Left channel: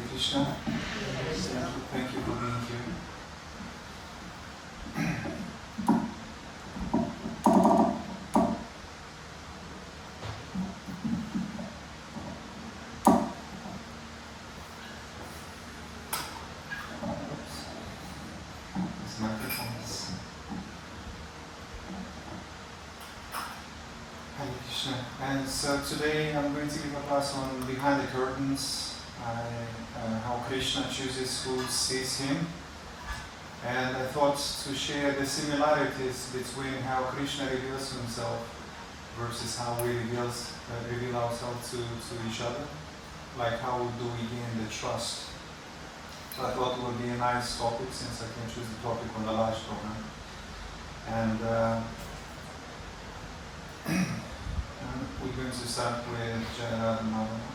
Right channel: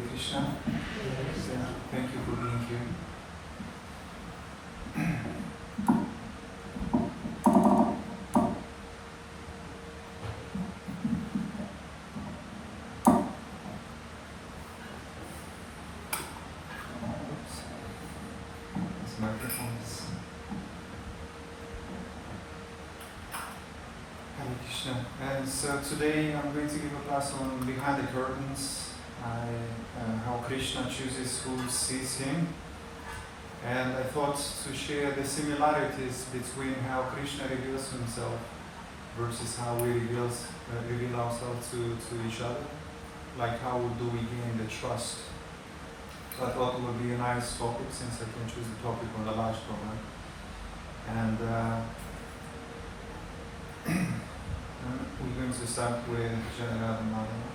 Krishna. Thank you for being here. This microphone is... Hare Krishna. And so today I'm going to give a class on behind the curtains. How Krishna chooses who sees him, and I thought to share the similarities between how Krishna reveals himself versus how we reveal ourselves to each other, like how do we gain the trust. So I thought it would be a nice topic since I can choose the topic on the last one. And we're going to start with Jaya Radha Madhava.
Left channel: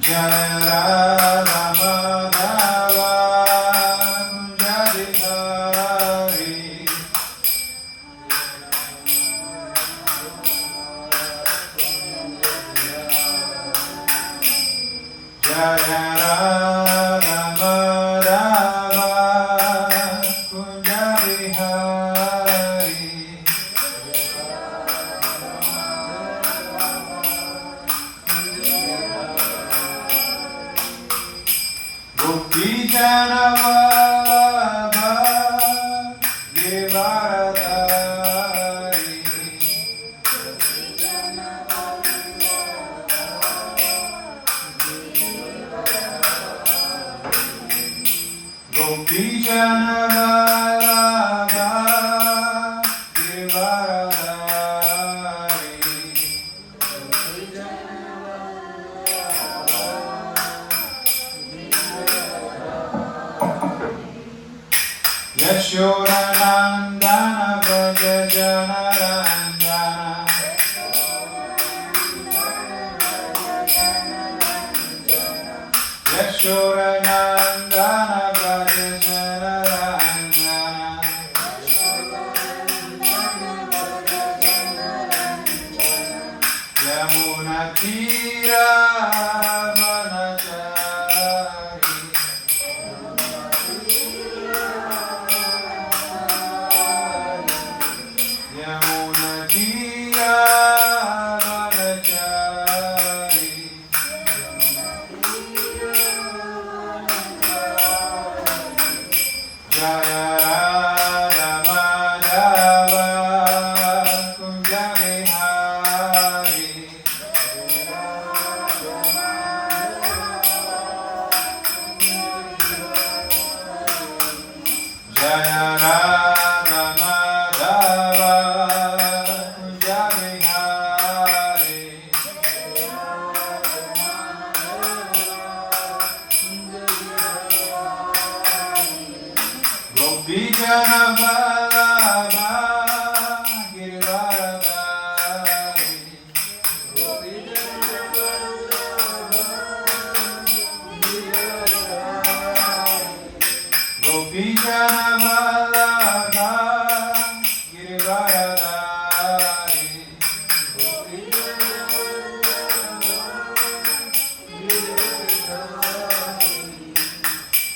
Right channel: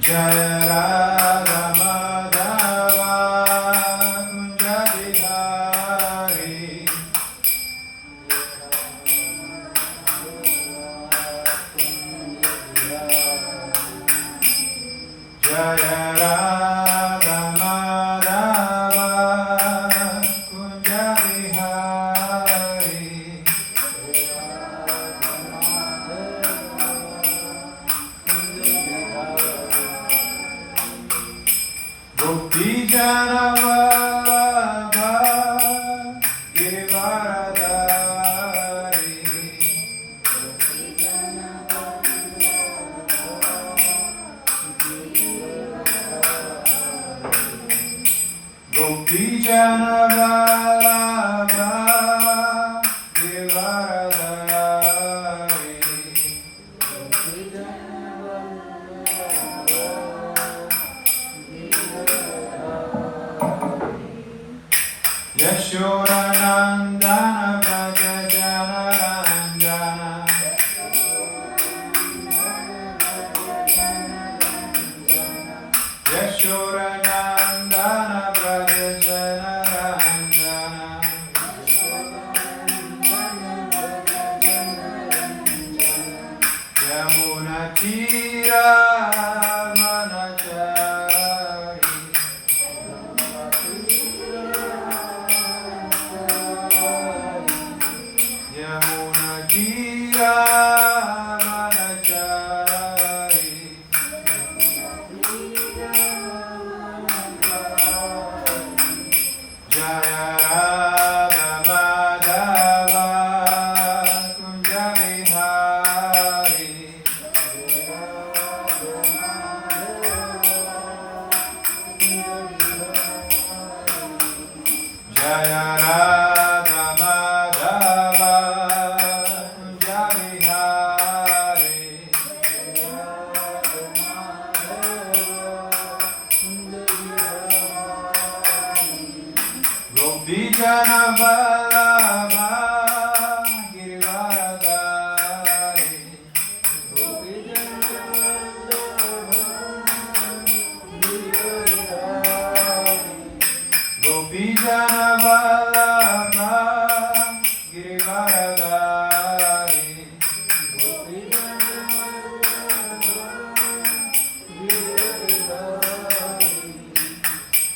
Jaya Radha Madhava Kunja Bihari Jaya Radha Madhava Kunja Bihari Gopi Jana Vallabha Giridhari Gopi Jana Vallabha Giridhari Yashoda Nandana Braja Janaranjana Yashoda Nandana Braja Janaranjana Yamuna Tira Vanachari Yamuna Tira Vanachari Jaya Radha Madhava Kunja Bihari Jaya Radha Madhava Kunja Bihari Gopi Jana Vallabha Giridhari Gopi Jana Vallabha Giridhari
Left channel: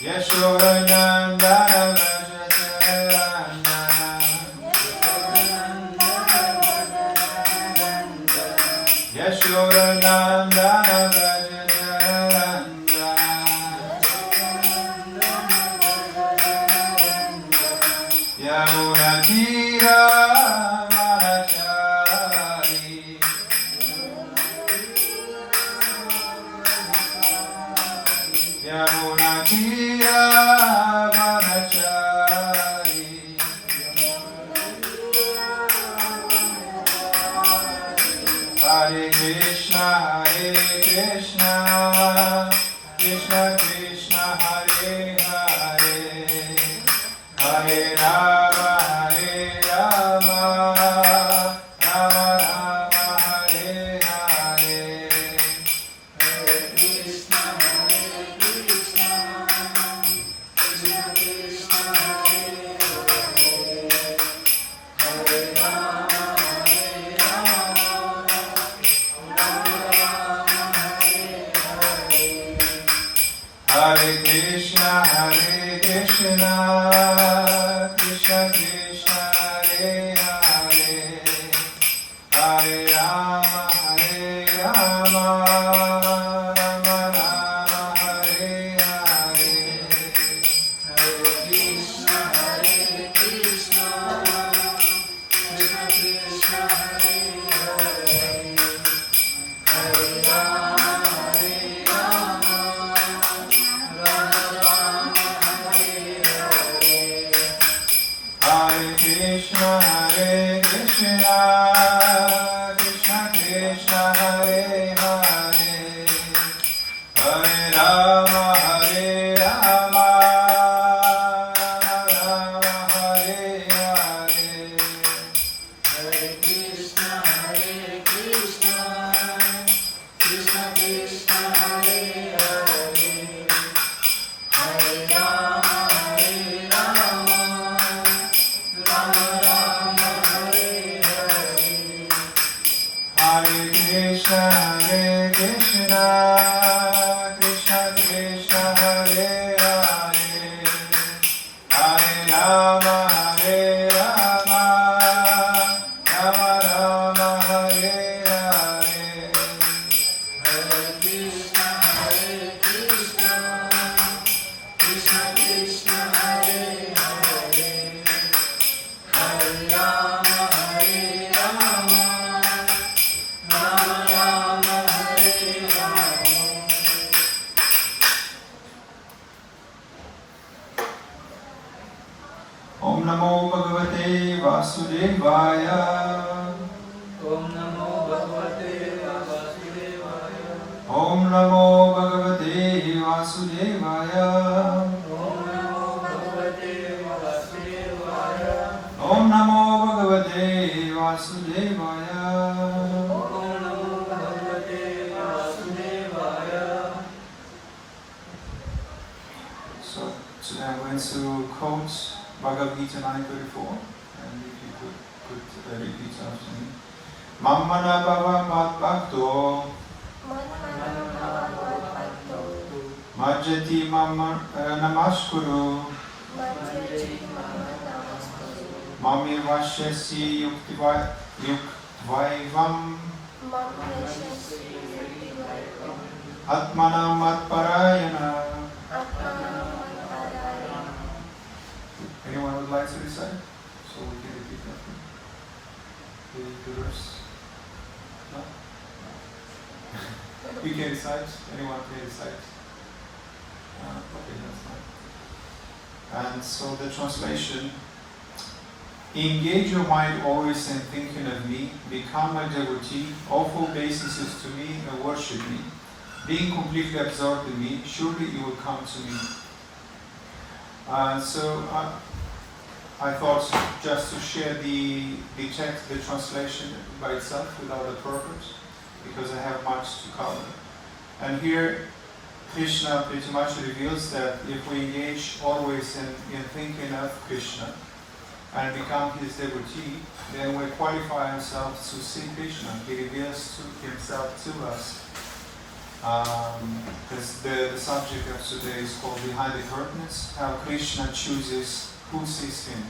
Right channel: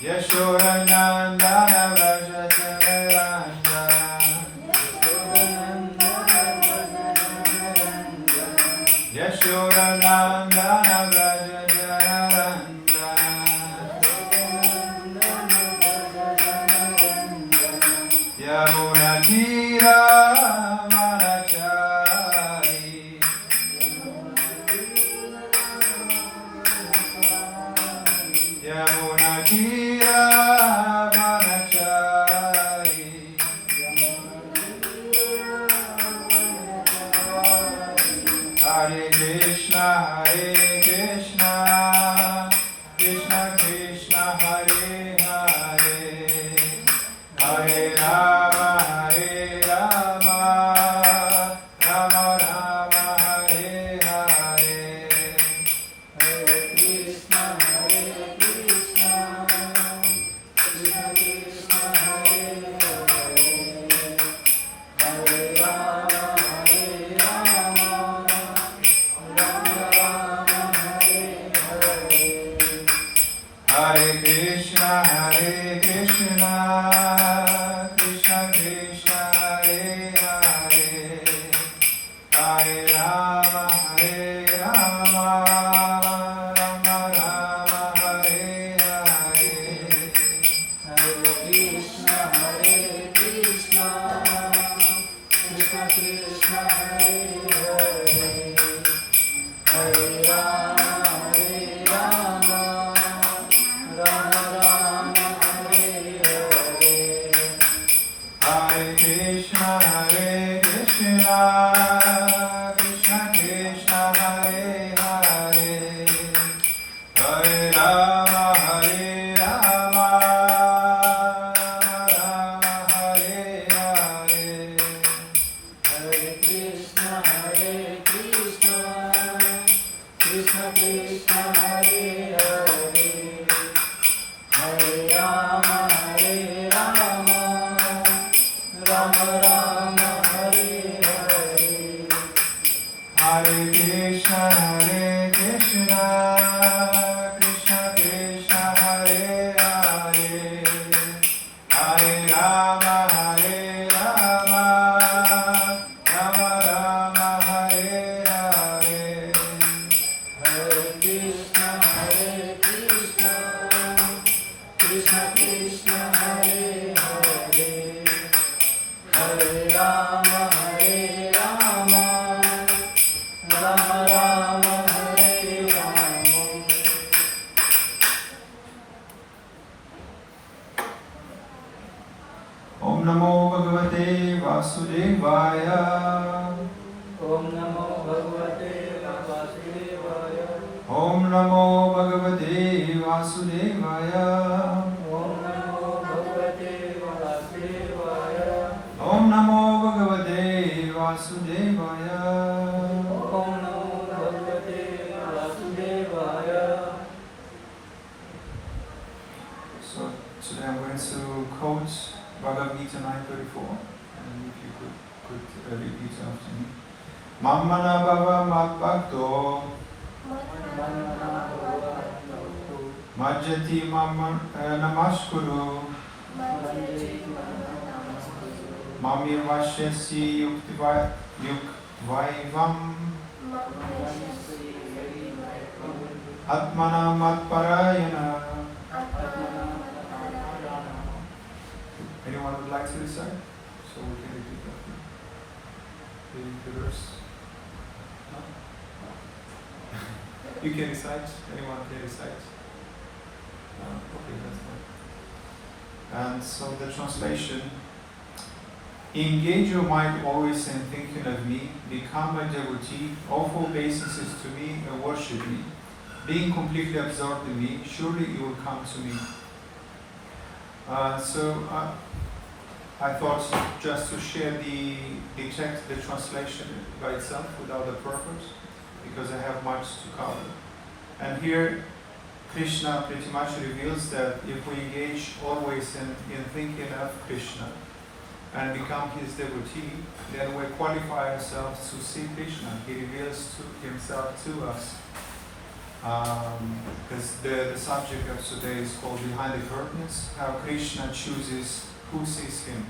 Yashoda Nandana Braja Janaranjana Yashoda Nandana Braja Janaranjana Yamuna Tira Vanachari Yamuna Tira Vanachari Hare Krishna Krishna Krishna Hare Hare Hare Rama Rama Rama Hare Hare Hare Krishna Krishna Krishna Hare Hare Hare Krishna, Hare Hare, Hare Rama, Hare Rama, Rama Rama, Hare Hare, Hare Krishna, Hare Krishna, Krishna Krishna, Hare Hare, Hare Rama, Hare Rama, Rama Rama, Hare Hare, Hare Krishna, Hare Krishna, Krishna Krishna, Hare Hare, Hare Rama, Hare Rama, Rama Rama, Hare Hare, Hare Krishna, Hare Krishna, Krishna Krishna, Hare Hare, Hare Rama, Hare Rama, Rama Rama, Hare Hare, Hare Krishna, Hare Krishna, Krishna Krishna, Hare Hare, Hare Rama, Hare Rama, Rama Rama, Hare Hare, Hare Krishna, Hare Krishna, Krishna Krishna, Hare Hare, Hare Rama, Hare Rama, Rama Rama, Hare Rama. Om Namo Bhagavate Vasudevaya. Om Namo Bhagavate Vasudevaya. Om Namo Bhagavate Vasudevaya. Om Namo Bhagavate Vasudevaya. Om Namo Bhagavate Vasudevaya. Om Namo Bhagavate Vasudevaya. So today I'm going to quote Bhagavad Gita 9:34, and if you could repeat after me. Mammana bhava madbhakto majjati mamma namaskuru mamirvashyasi yuktvaivam atmanam matparayana. Anyone would like to recite? So we can repeat after me. The verse? No? You can recite? Anyone can recite? Okay, that's fine. And so the translation: engage your mind always in thinking of me, become a devotee, offer obeisances to me and worship me. Being completely absorbed in me, surely you will come to me. I thought just to share the text, the translation by itself without the purpose, because I have much to cover. And here Krishna pretty much reveals that if we engage always in thinking of Krishna and become his devotee, then we qualify ourselves to see Krishna. He reveals himself to us. Because the subject of today is called Behind the Curtains, how Krishna chooses who sees him.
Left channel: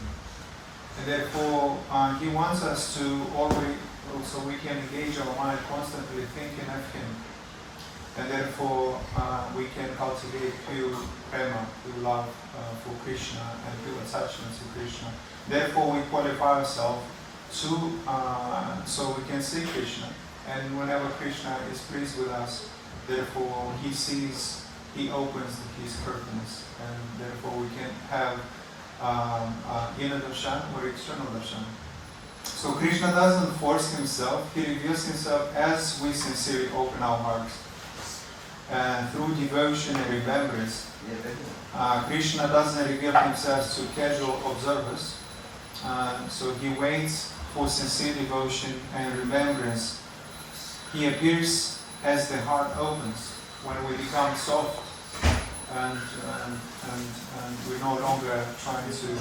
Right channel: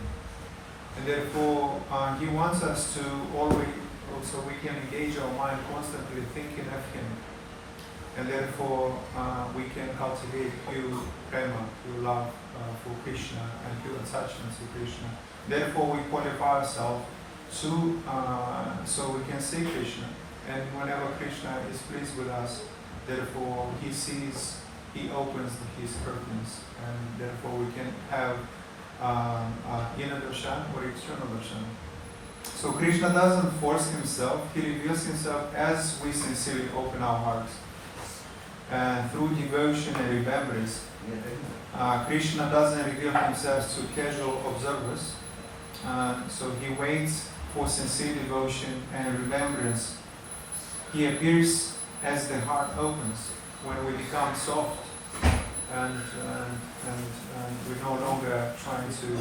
And therefore, he wants us to always, so we can engage our mind constantly thinking of him. And therefore, we can cultivate pure prema, pure love for Krishna and pure attachment to Krishna. Therefore, we qualify ourselves to, so we can see Krishna. And whenever Krishna is pleased with us, therefore he sees, he opens his curtains, and therefore we can have inner darshan or external darshan. So Krishna doesn't force himself, he reveals himself as we sincerely open our hearts. And through devotion and remembrance, Krishna doesn't reveal himself to casual observers. So he waits for sincere devotion and remembrance. He appears as the heart opens, when we become soft and we're no longer trying to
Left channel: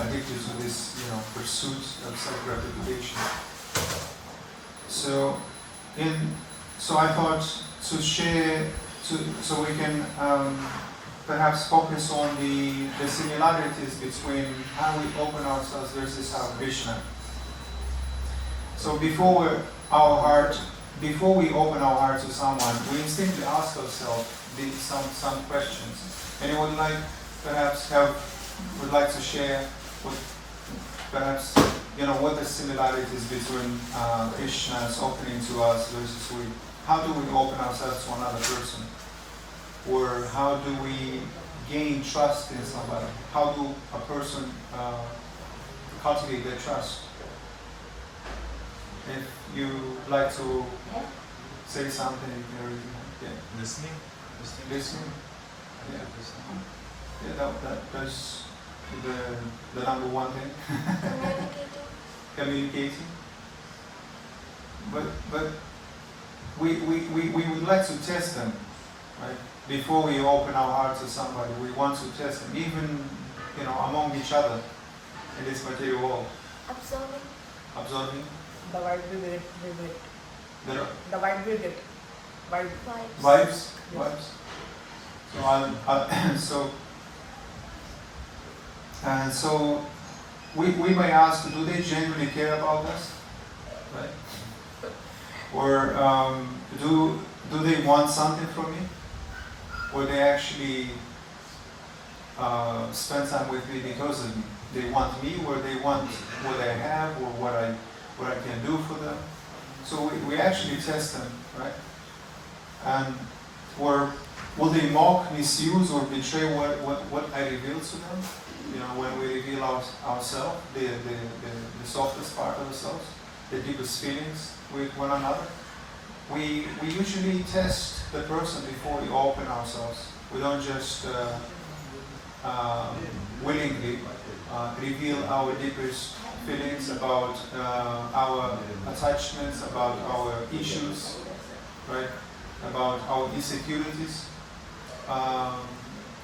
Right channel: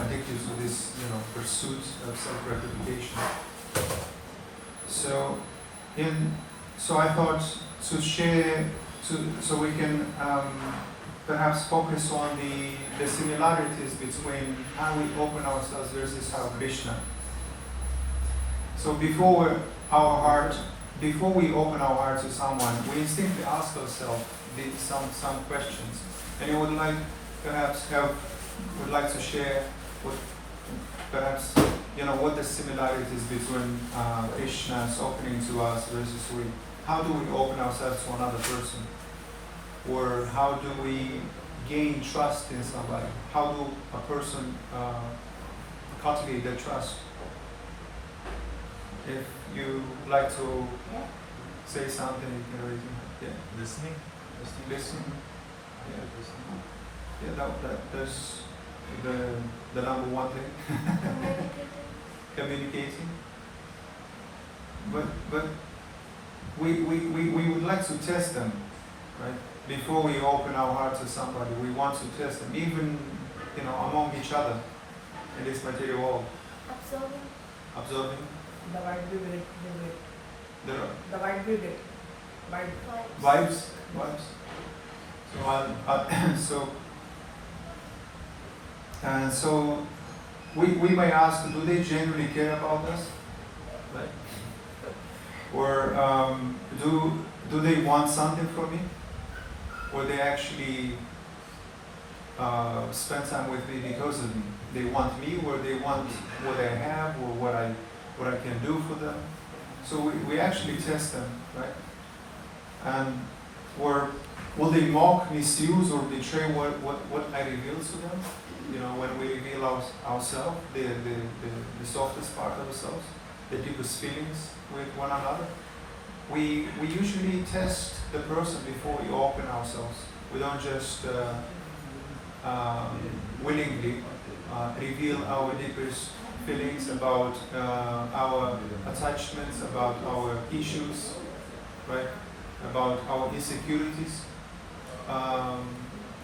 addicted to this pursuit of self-gratification. So I thought to share so we can perhaps focus on the similarities between how we open ourselves versus how Krishna. So before we open our heart to someone, we instinctively ask ourselves some questions. And I would like to share with perhaps what the similarities between Krishna's opening to us versus how do we open ourselves to another person, or how do we gain trust in somebody? How do a person cultivate their trust? If you like to say something, you can already. Yeah. Listening. Listening. I think listening. Yeah, that's the number one thing. Communicating. But we would like to test them, right? Before we open our heart to somebody, we want to test them, even among each other in this material world. Observing. The vibe we get. The vibe we get. vibes. So we may ask, do they genuinely care about us, right? Or do they want something from me? Or they actually spend time with me because of me? They want me, or they want what I have, or what I can do for them. So we actually test them, right? And or will they mock, misuse, or betray what I reveal to them? When we reveal ourselves, the softest part of ourselves, the deepest feelings with one another. We usually test the person before we open ourselves. We don't just willingly reveal our deepest feelings about our attachments, about our issues, right? About our insecurities.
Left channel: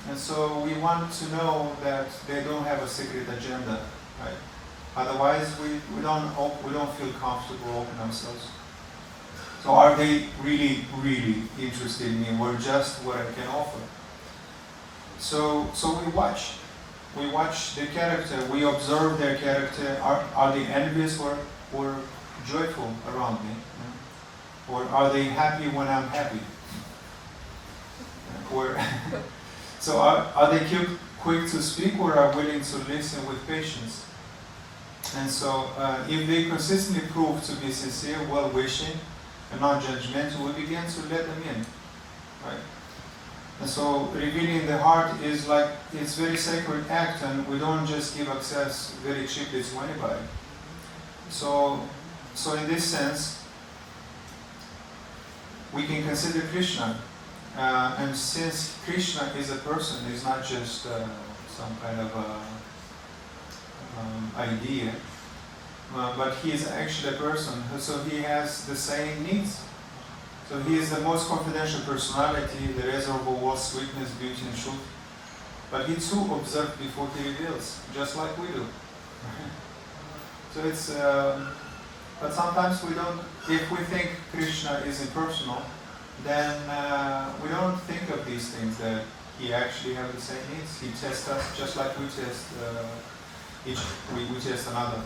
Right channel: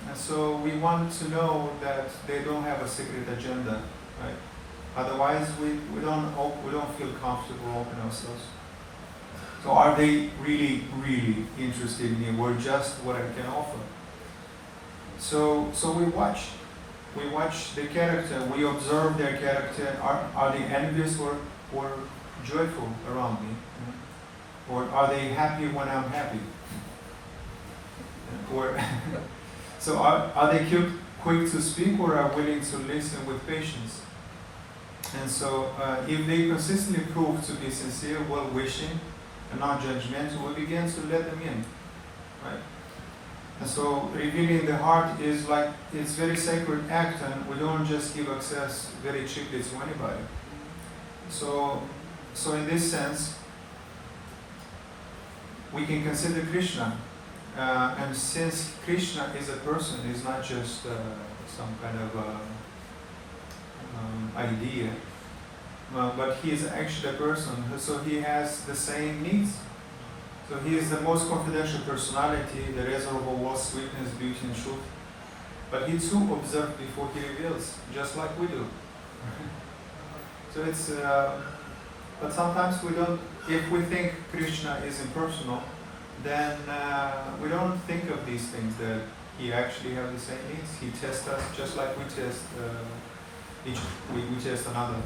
And so we want to know that they don't have a secret agenda, right? Otherwise, we don't feel comfortable opening ourselves. So are they really, really interested in me, or just what I can offer? So we watch the character, we observe their character. Are they envious or joyful around me? Or are they happy when I'm happy? Or so are they quick to speak, or are willing to listen with patience? And so if they consistently prove to be sincere, well-wishing, and not judgmental, we begin to let them in, right? And so revealing the heart is it's very sacred act, and we don't just give access very cheaply to anybody. So in this sense, we can consider Krishna, and since Krishna is a person, he's not just some kind of idea, but he is actually a person, so he has the same needs. So he is the most confidential personality, the reservoir of all sweetness, beauty, and truth. But he too observes before he reveals, just like we do. So it's, but sometimes we don't, if we think Krishna is impersonal, then we don't think of these things, that he actually has the same needs. He tests us just like we test we test another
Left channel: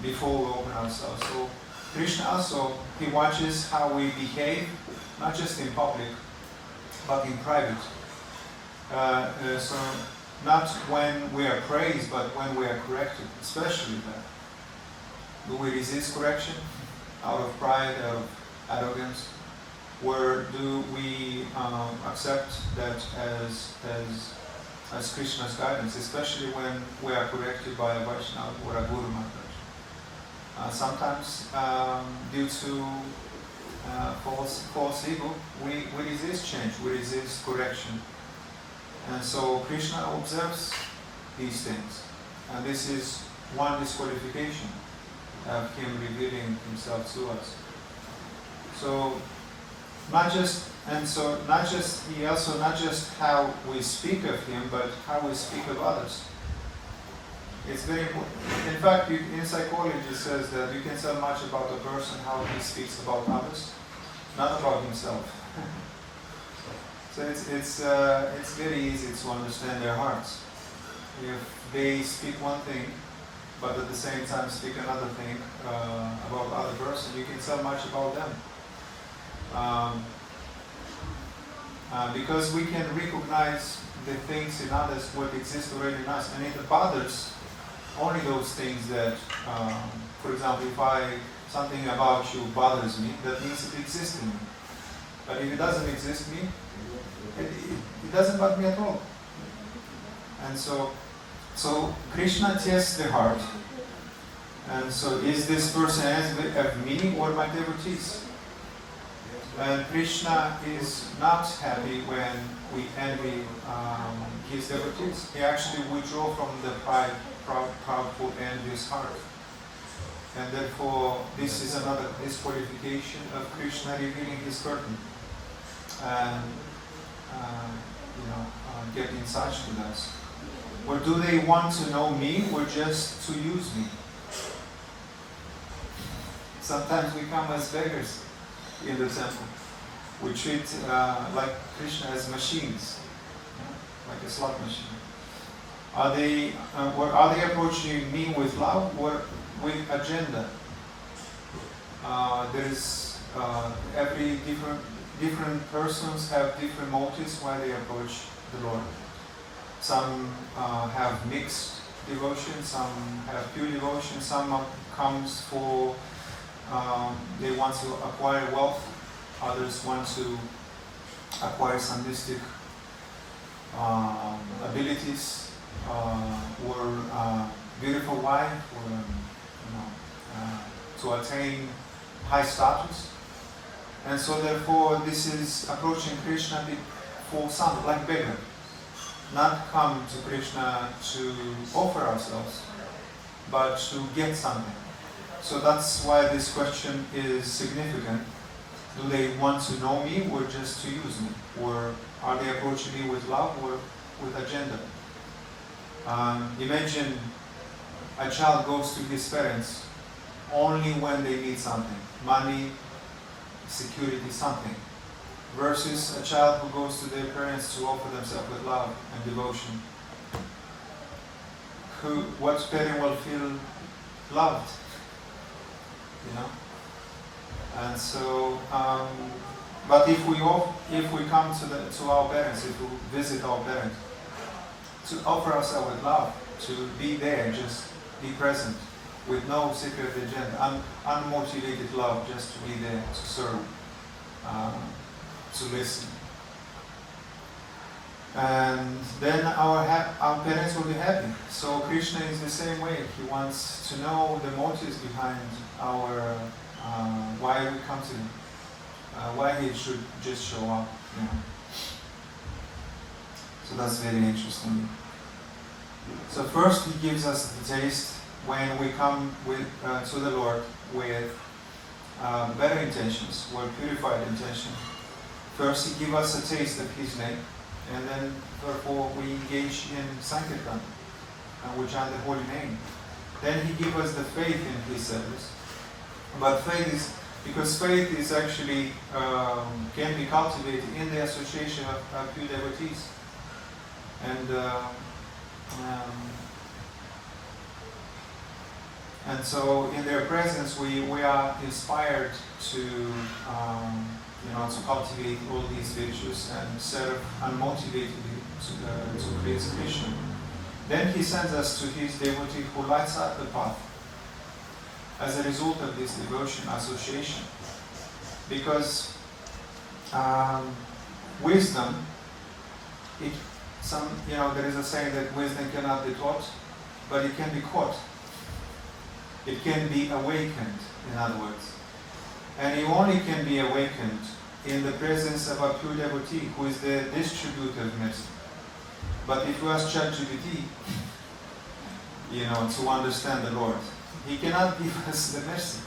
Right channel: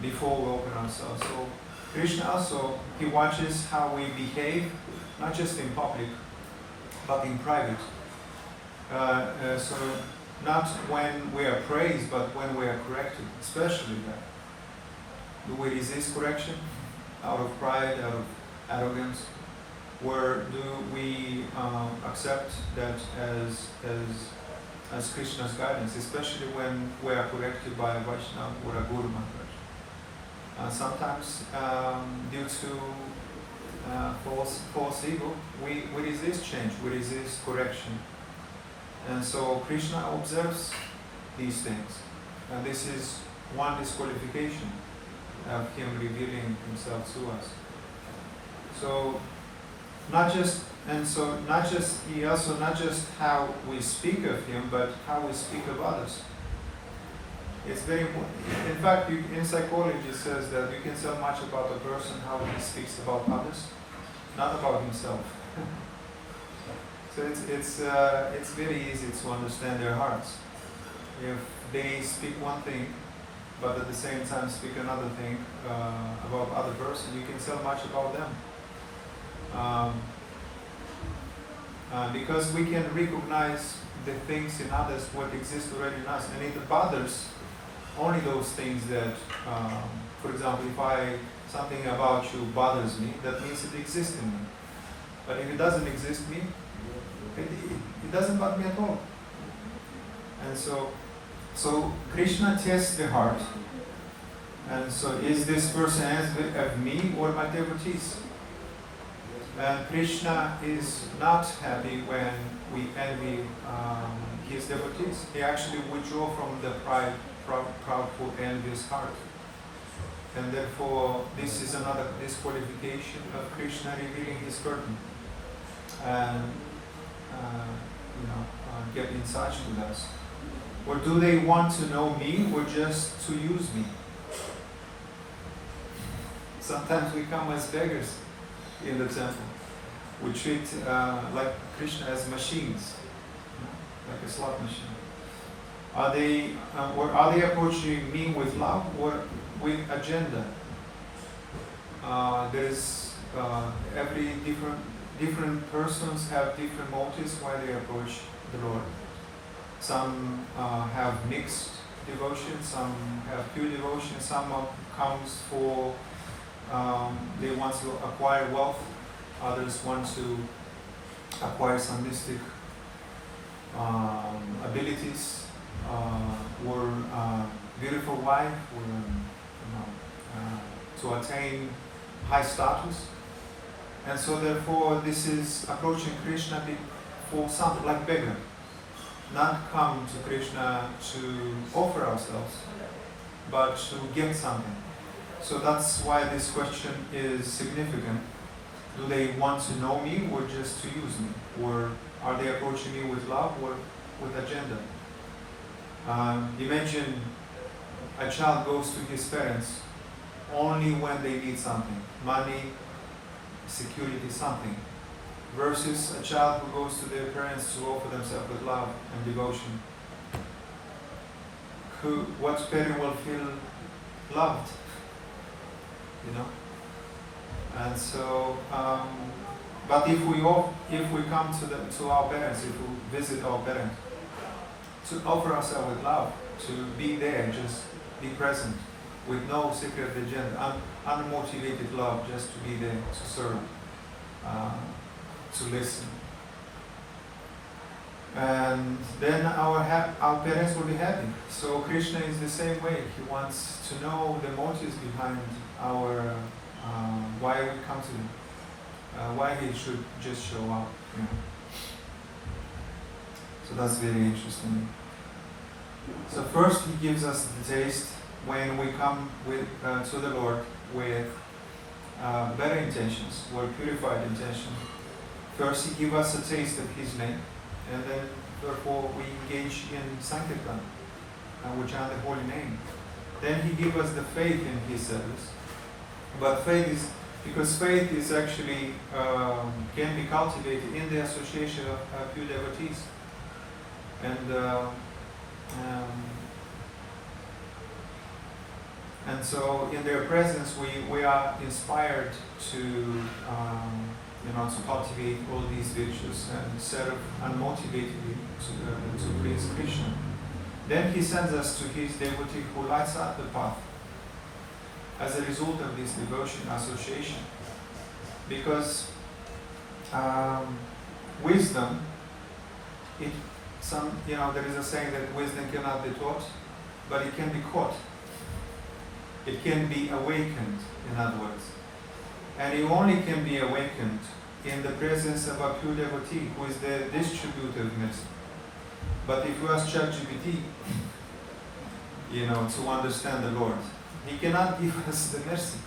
before we open ourselves. So Krishna also, he watches how we behave, not just in public, but in private. So not when we are praised, but when we are corrected, especially that. Do we resist correction out of pride, out of arrogance? Or do we accept that as Krishna's guidance, especially when we are corrected by a Vaishnava or a Guru Maharaj? Sometimes due to false ego, we resist change, we resist correction. And so Krishna observes these things. And this is one disqualification of him revealing himself to us. So not just how we speak of him, but how we speak of others. It's very important. In fact, in psychology it says that you can tell much about a person how he speaks about others, not about himself. So it's very easy to understand their hearts. If they speak one thing, but at the same time speak another thing about other person, you can tell much about them. Because we can recognize the things in others what exist already in us, and it bothers only those things that, for example, if something about you bothers me, that means it exists in me. But if it doesn't exist in me, it doesn't bother me at all. And so Krishna tests the heart. And so is this person as of me or my devotees? And Krishna is not happy when we envy his devotees. He actually withdraws from the proudful, envious heart. And therefore, this is another disqualification of Krishna revealing his curtain and get in touch with us. Or do they want to know me or just to use me? Sometimes we come as beggars in the temple. We treat like Krishna as machines, like a slot machine. Are they approaching me with love or with agenda? There's every different persons have different motives why they approach the Lord. Some have mixed devotion, some have pure devotion, some comes for they want to acquire wealth, others want to acquire some mystic abilities, or beautiful wife, or to attain high status. And so therefore this is approaching Krishna for something like beggar. Not come to Krishna to offer ourselves, but to get something. So that's why this question is significant. Do they want to know me or just to use me? Or are they approaching me with love or with agenda? Imagine a child goes to his parents only when they need something, money, security, something, versus a child who goes to their parents to offer themselves with love and devotion. What parent will feel loved? And so, but if we come to our parents, if we visit our parents, to offer ourselves with love, to be there, just be present, with no secret agenda, unmotivated love, just to be there, to serve, to listen. And then our parents will be happy. So Krishna is the same way. He wants to know the motives behind our why we come to him, why he should just show up. So that's very interesting. So first he gives us the taste when we come to the Lord with better intentions, with purified intention. First he gives us a taste of his name, and then therefore we engage in Sankirtan, and we chant the holy name. Then he gives us the faith in his service. But faith is actually can be cultivated in the association of pure devotees. And so in their presence we are inspired to cultivate all these virtues and serve unmotivatedly to please Krishna. Then he sends us to his devotee who lights up the path as a result of this devotion association. Because wisdom, there is a saying that wisdom cannot be taught, but it can be caught. It can be awakened, in other words. And it only can be awakened in the presence of a pure devotee who is the distributor of mercy. But if you ask ChatGPT, to understand the Lord, he cannot give us the mercy.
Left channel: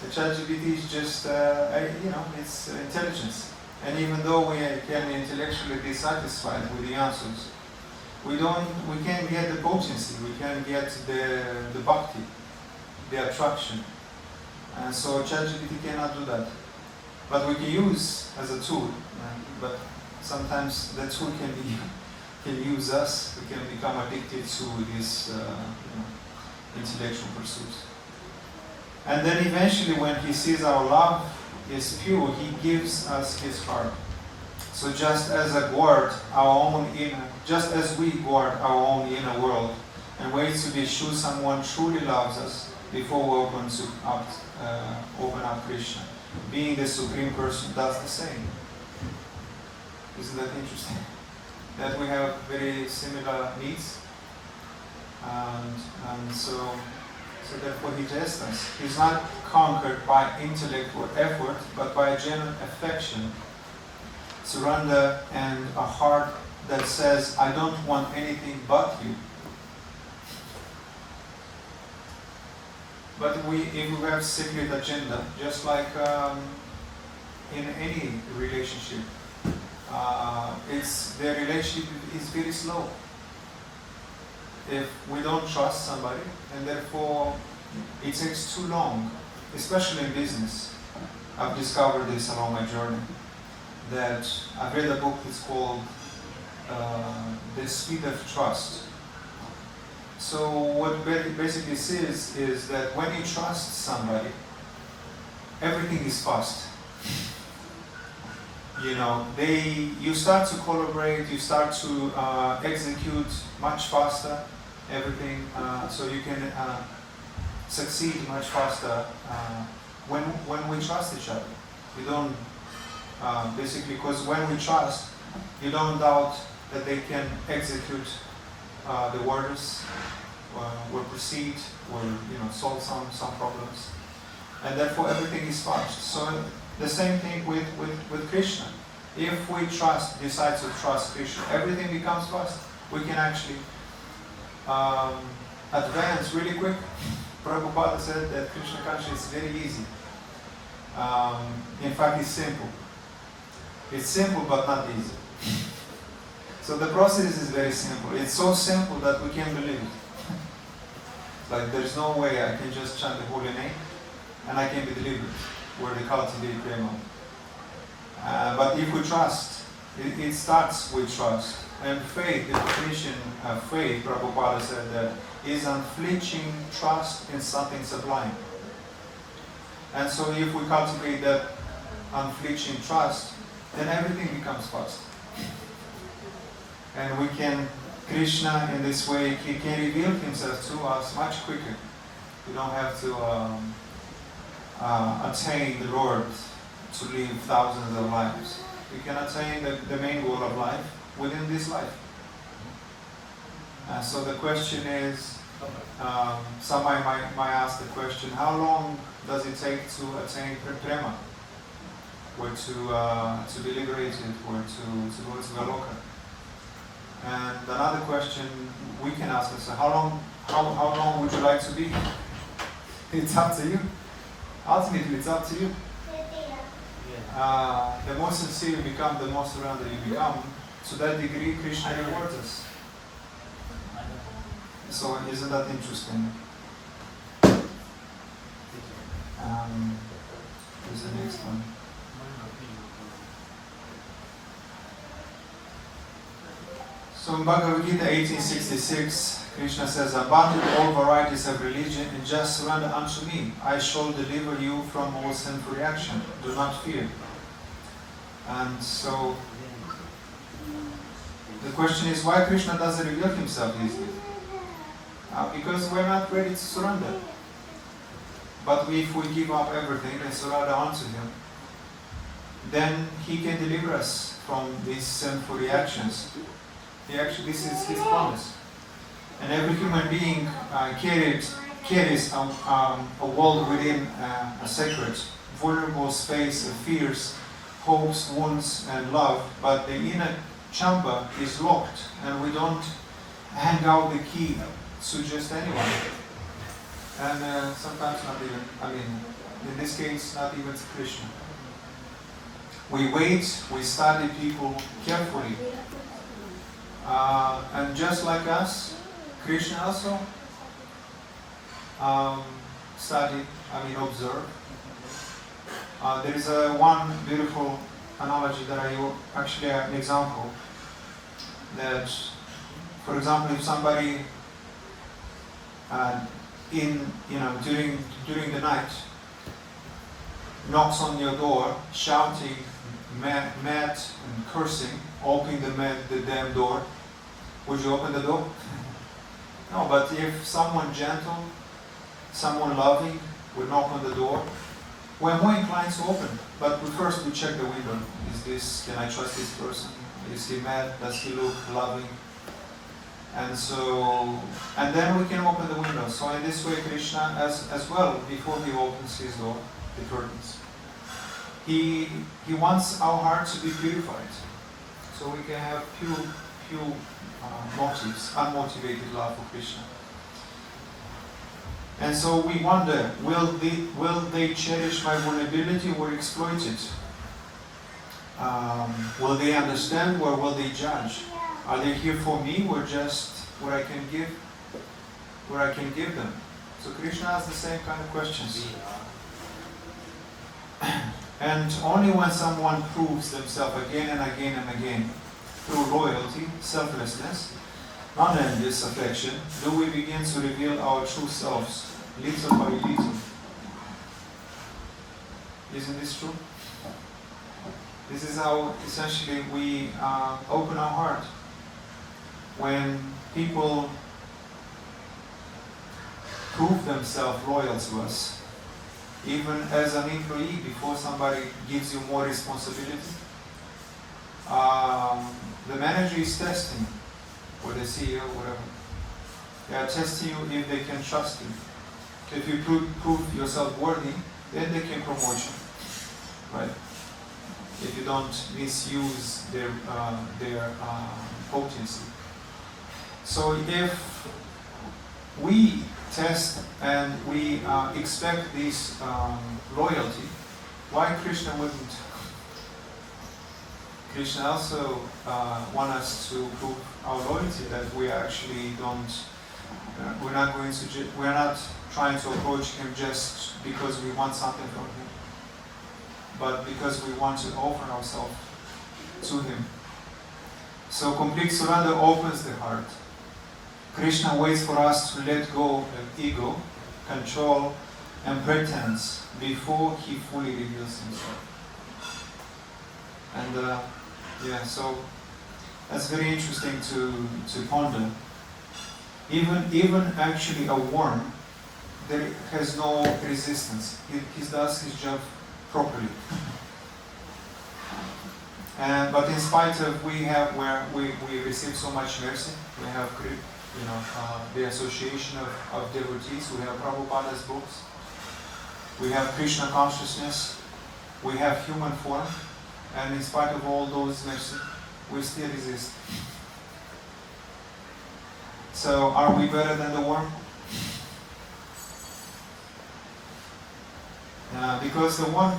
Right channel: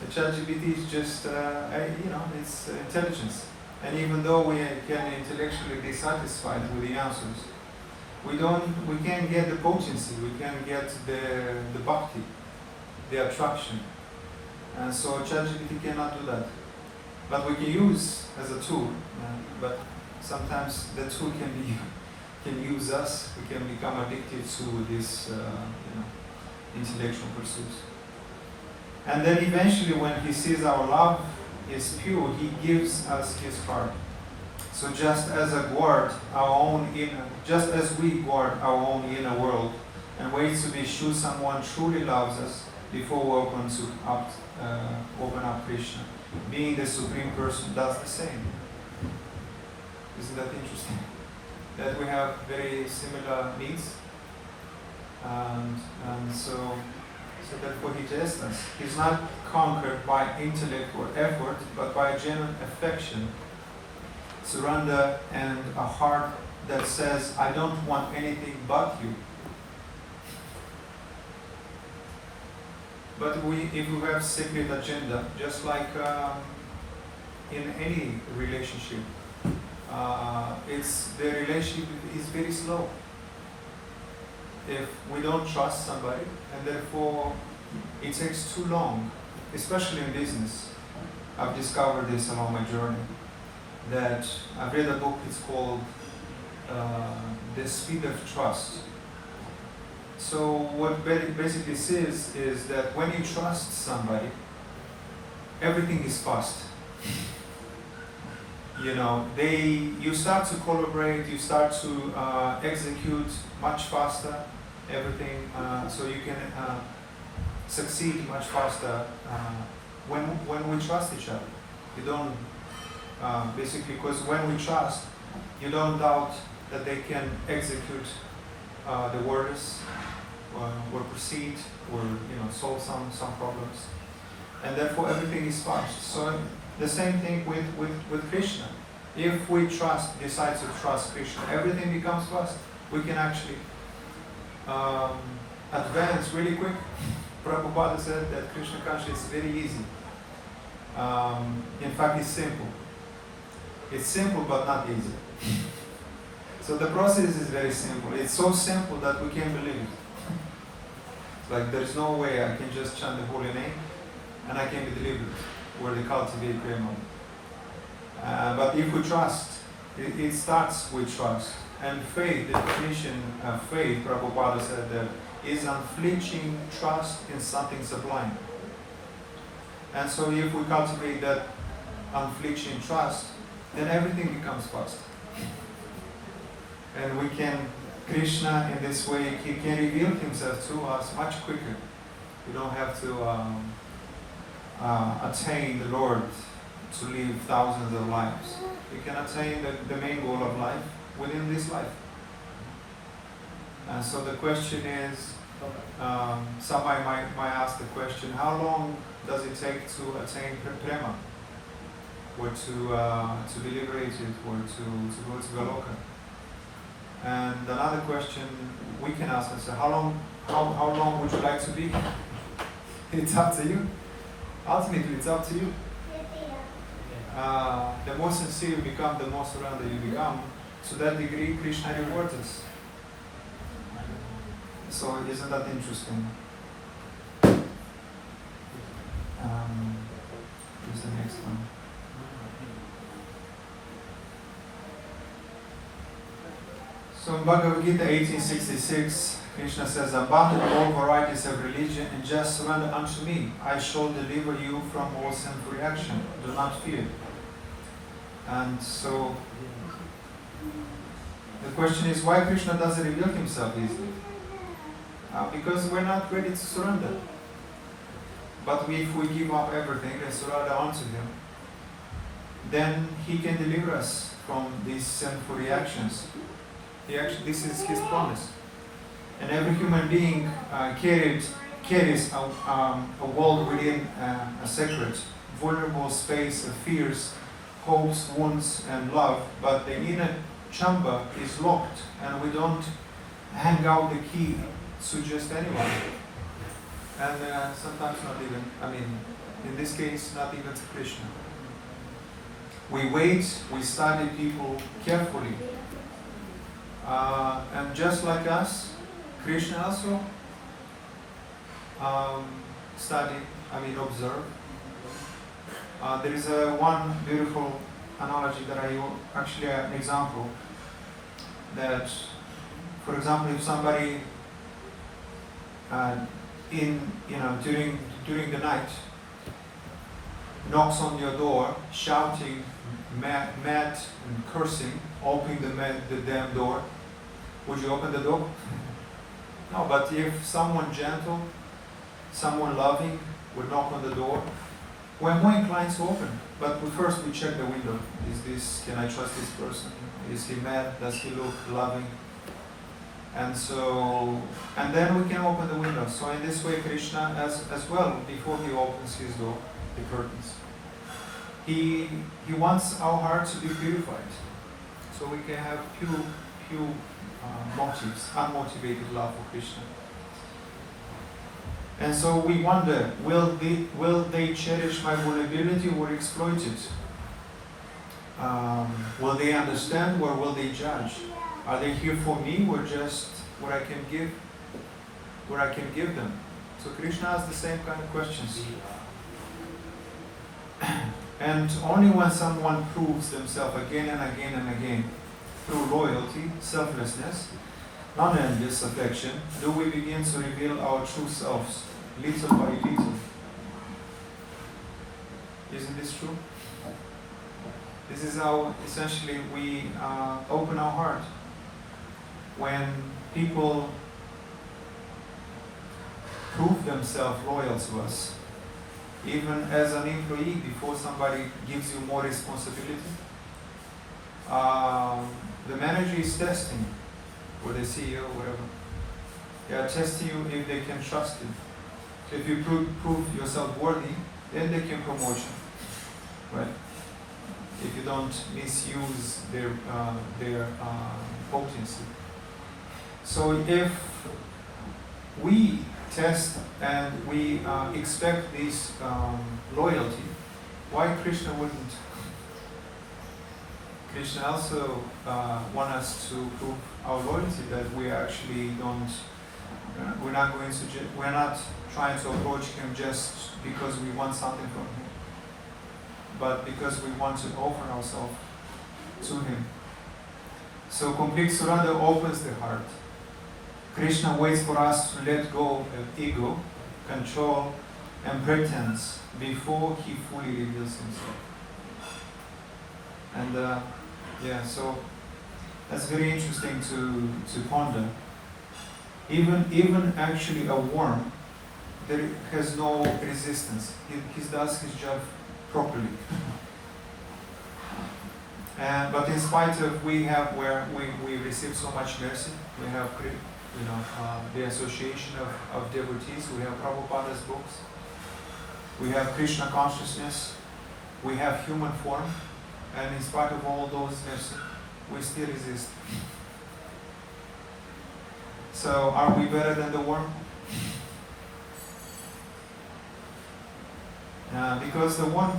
The ChatGPT is just, it's intelligence. And even though we can intellectually be satisfied with the answers, we can't get the potency, we can't get the bhakti, the attraction. And so ChatGPT cannot do that. But we can use as a tool, but sometimes the tool can use us. We can become addicted to this intellectual pursuits. And then eventually, when he sees our love is pure, he gives us his heart. So just as we guard our own inner world and wait to be sure someone truly loves us before we open up Krishna, being the Supreme Person does the same. Isn't that interesting? That we have very similar needs, and so therefore he tests us. He's not conquered by intellect or effort, but by a genuine affection, surrender, and a heart that says, I don't want anything but you. But if we have secret agenda, just like in any relationship, the relationship is very slow. If we don't trust somebody, and therefore it takes too long, especially in business. I've discovered this along my journey, that I've read a book that's called The Speed of Trust. So what it basically says is that when you trust somebody, everything is fast. You start to collaborate, you start to execute much faster everything, so you can succeed much faster when we trust each other. You don't, because when we trust, you don't doubt that they can execute the orders, or proceed, or solve some problems, and therefore everything is fast. So the same thing with Krishna. If we decide to trust Krishna, everything becomes fast. We can actually advance really quick. Prabhupada said that Krishna consciousness is very easy. In fact, it's simple. It's simple but not easy. So the process is very simple. It's so simple that we can't believe it. Like there's no way I can just chant the holy name and I can be delivered, where they cultivate prema. But if we trust, it starts with trust. And faith, the definition of faith, Prabhupada said that, is unflinching trust in something sublime. And so if we cultivate that unflinching trust, then everything becomes fast. And we can, Krishna in this way, he can reveal himself to us much quicker. We don't have to attain the Lord to live thousands of lives. We can attain the main goal of life within this life. And so the question is, somebody might ask the question, how long does it take to attain prema? Or to be liberated, or to go to Galoka? And another question we can ask ourselves, how long would you like to be? It's up to you. Ultimately, it's up to you. The more sincere you become, the more surrendered you become. To that degree, Krishna rewards us. So isn't that interesting? Here's the next one. So in Bhagavad Gita 1866, Krishna says, abandon all varieties of religion and just surrender unto me. I shall deliver you from all sinful reaction. Do not fear. And so the question is, why Krishna doesn't reveal himself easily? Because we're not ready to surrender. But if we give up everything and surrender unto him, then he can deliver us from these sinful reactions. This is his promise. And every human being carries a world within a sacred, vulnerable space of fears, hopes, wounds, and love. But the inner chamber is locked, and we don't hang out the key to just anyone. And sometimes not even, in this case, not even to Krishna. We wait, we study people carefully. And just like us, Krishna also observe. There is one beautiful analogy that actually an example that, for example, if somebody during the night knocks on your door, shouting, mad and cursing, opening the damn door, would you open the door? No, but if someone gentle, someone loving would knock on the door, we're more inclined to open. But first we check the window. Can I trust this person? Is he mad? Does he look loving? And then we can open the window. So in this way, Krishna, as well, before he opens his door, the curtains, he wants our heart to be purified, so we can have pure motives, unmotivated love for Krishna. And so we wonder, will they cherish my vulnerability or exploit it? Will they understand or will they judge? Are they here for me or just what I can give them? So Krishna has the same kind of questions. And only when someone proves themselves again and again and again through loyalty, selflessness, non-envious affection, do we begin to reveal our true selves, little by little. Isn't this true? This is how essentially we open our heart. When people prove themselves loyal to us, even as an employee, before somebody gives you more responsibility, the manager is testing, or the CEO, whatever. They are testing you if they can trust you. So if you prove yourself worthy, then they can promote you, right? If you don't misuse their potency. So if we test and we expect this loyalty, why Krishna wouldn't? Krishna also wants us to prove our loyalty, that we actually don't. We're not trying to approach him just because we want something from him, but because we want to offer ourselves to him. So complete surrender opens the heart. Krishna waits for us to let go of ego, control, and pretense before he fully reveals himself. And so that's very interesting to ponder. Even actually a worm, there has no resistance. He does his job properly. But in spite of we receive so much mercy, we have the association of devotees, we have Prabhupada's books, we have Krishna consciousness, we have human form, and in spite of all those mercy, we still resist. So are we better than the worm? Because the one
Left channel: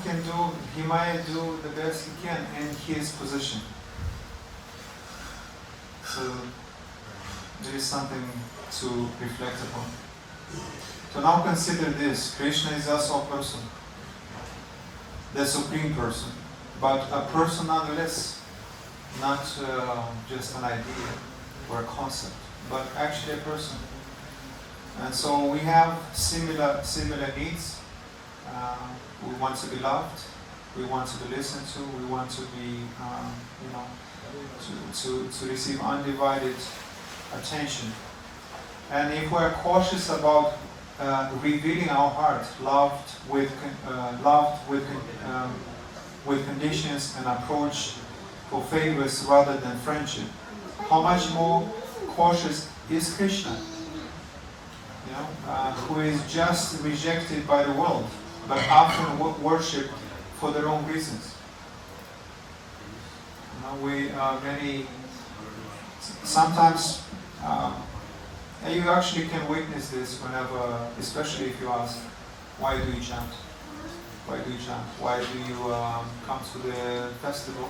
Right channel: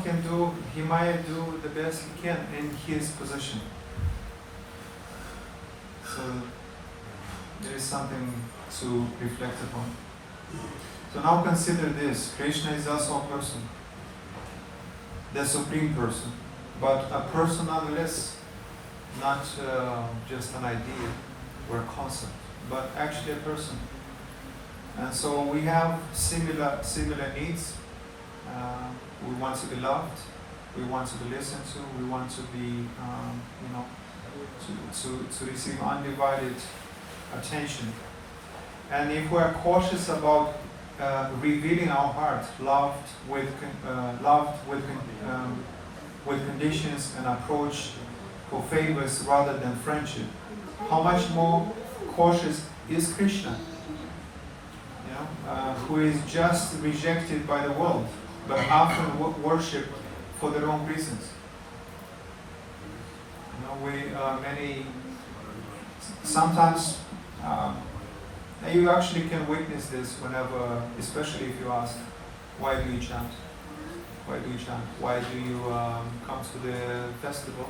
he might do the best he can in his position. So there is something to reflect upon. So now consider this. Krishna is also a person, the supreme person, but a person nonetheless, not just an idea or a concept, but actually a person. And so we have similar needs. We want to be loved. We want to be listened to. We want to be, to receive undivided attention. And if we are cautious about revealing our heart, loved with conditions and approach for favors rather than friendship, how much more cautious is Krishna, who is just rejected by the world, but often worshipped for the wrong reasons. Sometimes you actually can witness this whenever, especially if you ask, why do you chant? Why do you chant? Why do you come to the festival?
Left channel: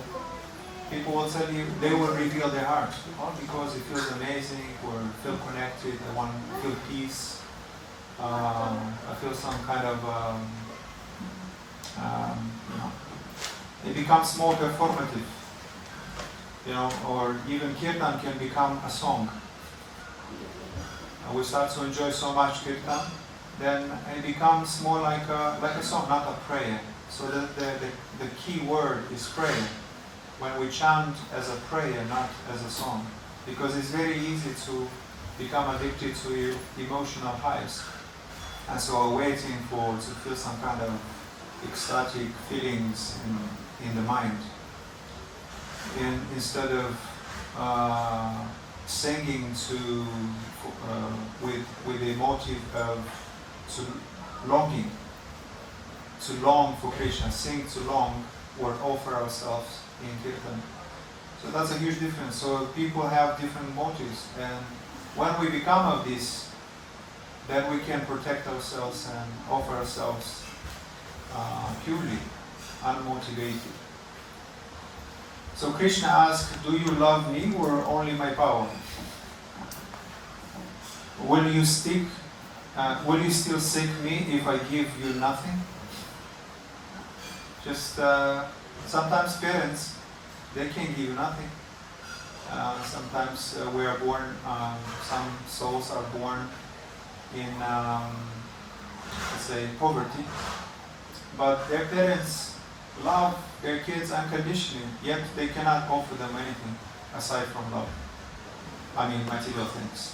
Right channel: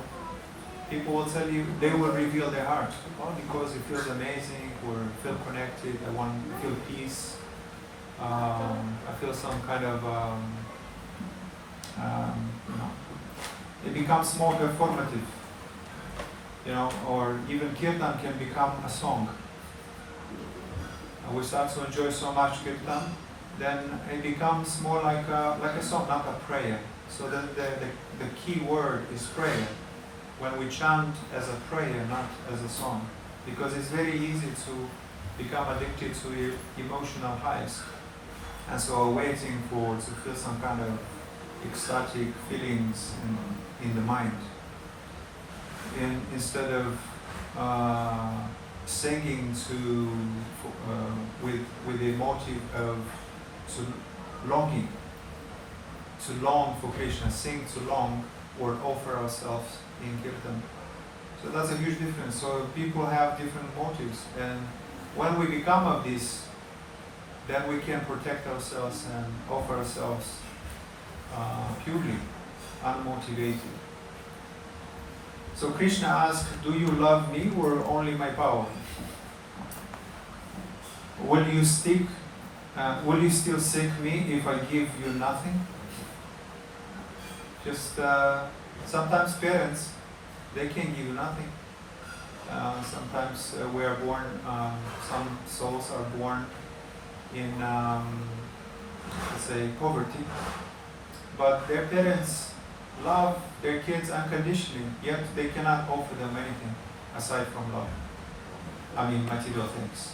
People will tell you, they will reveal their heart. Well, because it feels amazing, or feel connected, I feel peace. I feel some kind of it becomes more performative, or even kirtan can become a song. We start to enjoy so much kirtan, then it becomes more like a song, not a prayer. So the key word is prayer. When we chant as a prayer, not as a song, because it's very easy to become addicted to emotional highs, and so we're waiting to feel some kind of ecstatic feelings in the mind, instead of singing with the motive of longing, to long for Krishna, sing to long, or offer ourselves in kirtan. So that's a huge difference. So people have different motives, and when we become of this, then we can protect ourselves and offer ourselves purely, unmotivated. So Krishna asked, do you love me or only my power? Will you still seek me if I give you nothing? Just sometimes parents, they can give you nothing. Sometimes we are born, some souls are born in, let's say, poverty, but their parents love their kids unconditionally, yet they cannot offer them anything aside from love. I mean, material things.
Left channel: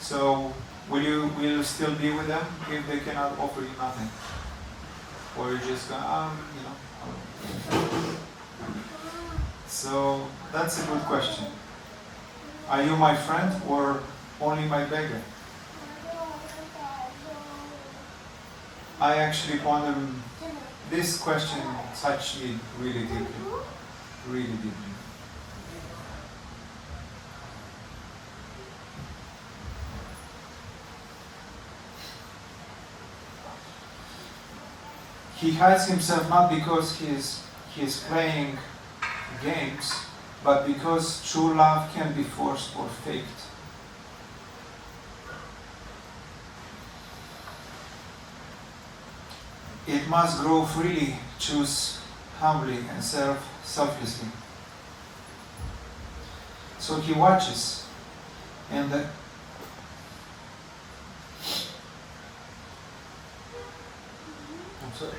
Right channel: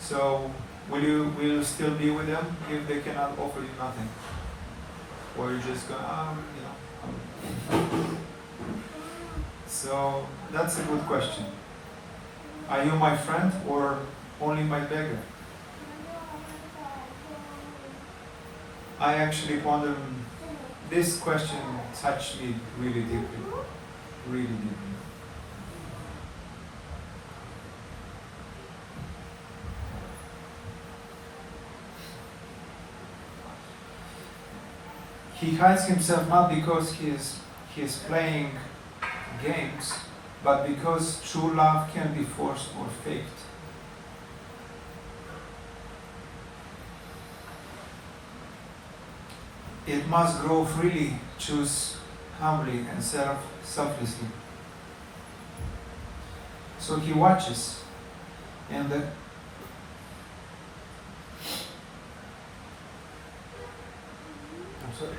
So, will you still be with them if they cannot offer you nothing? Or you're just going, So, that's a good question. Are you my friend or only my beggar? I actually wonder, this question touched me really deeply, really deeply. He hides himself not because he is playing games, but because true love can be forced or faked. It must grow freely, choose humbly, and serve selflessly. So he watches, and I'm sorry.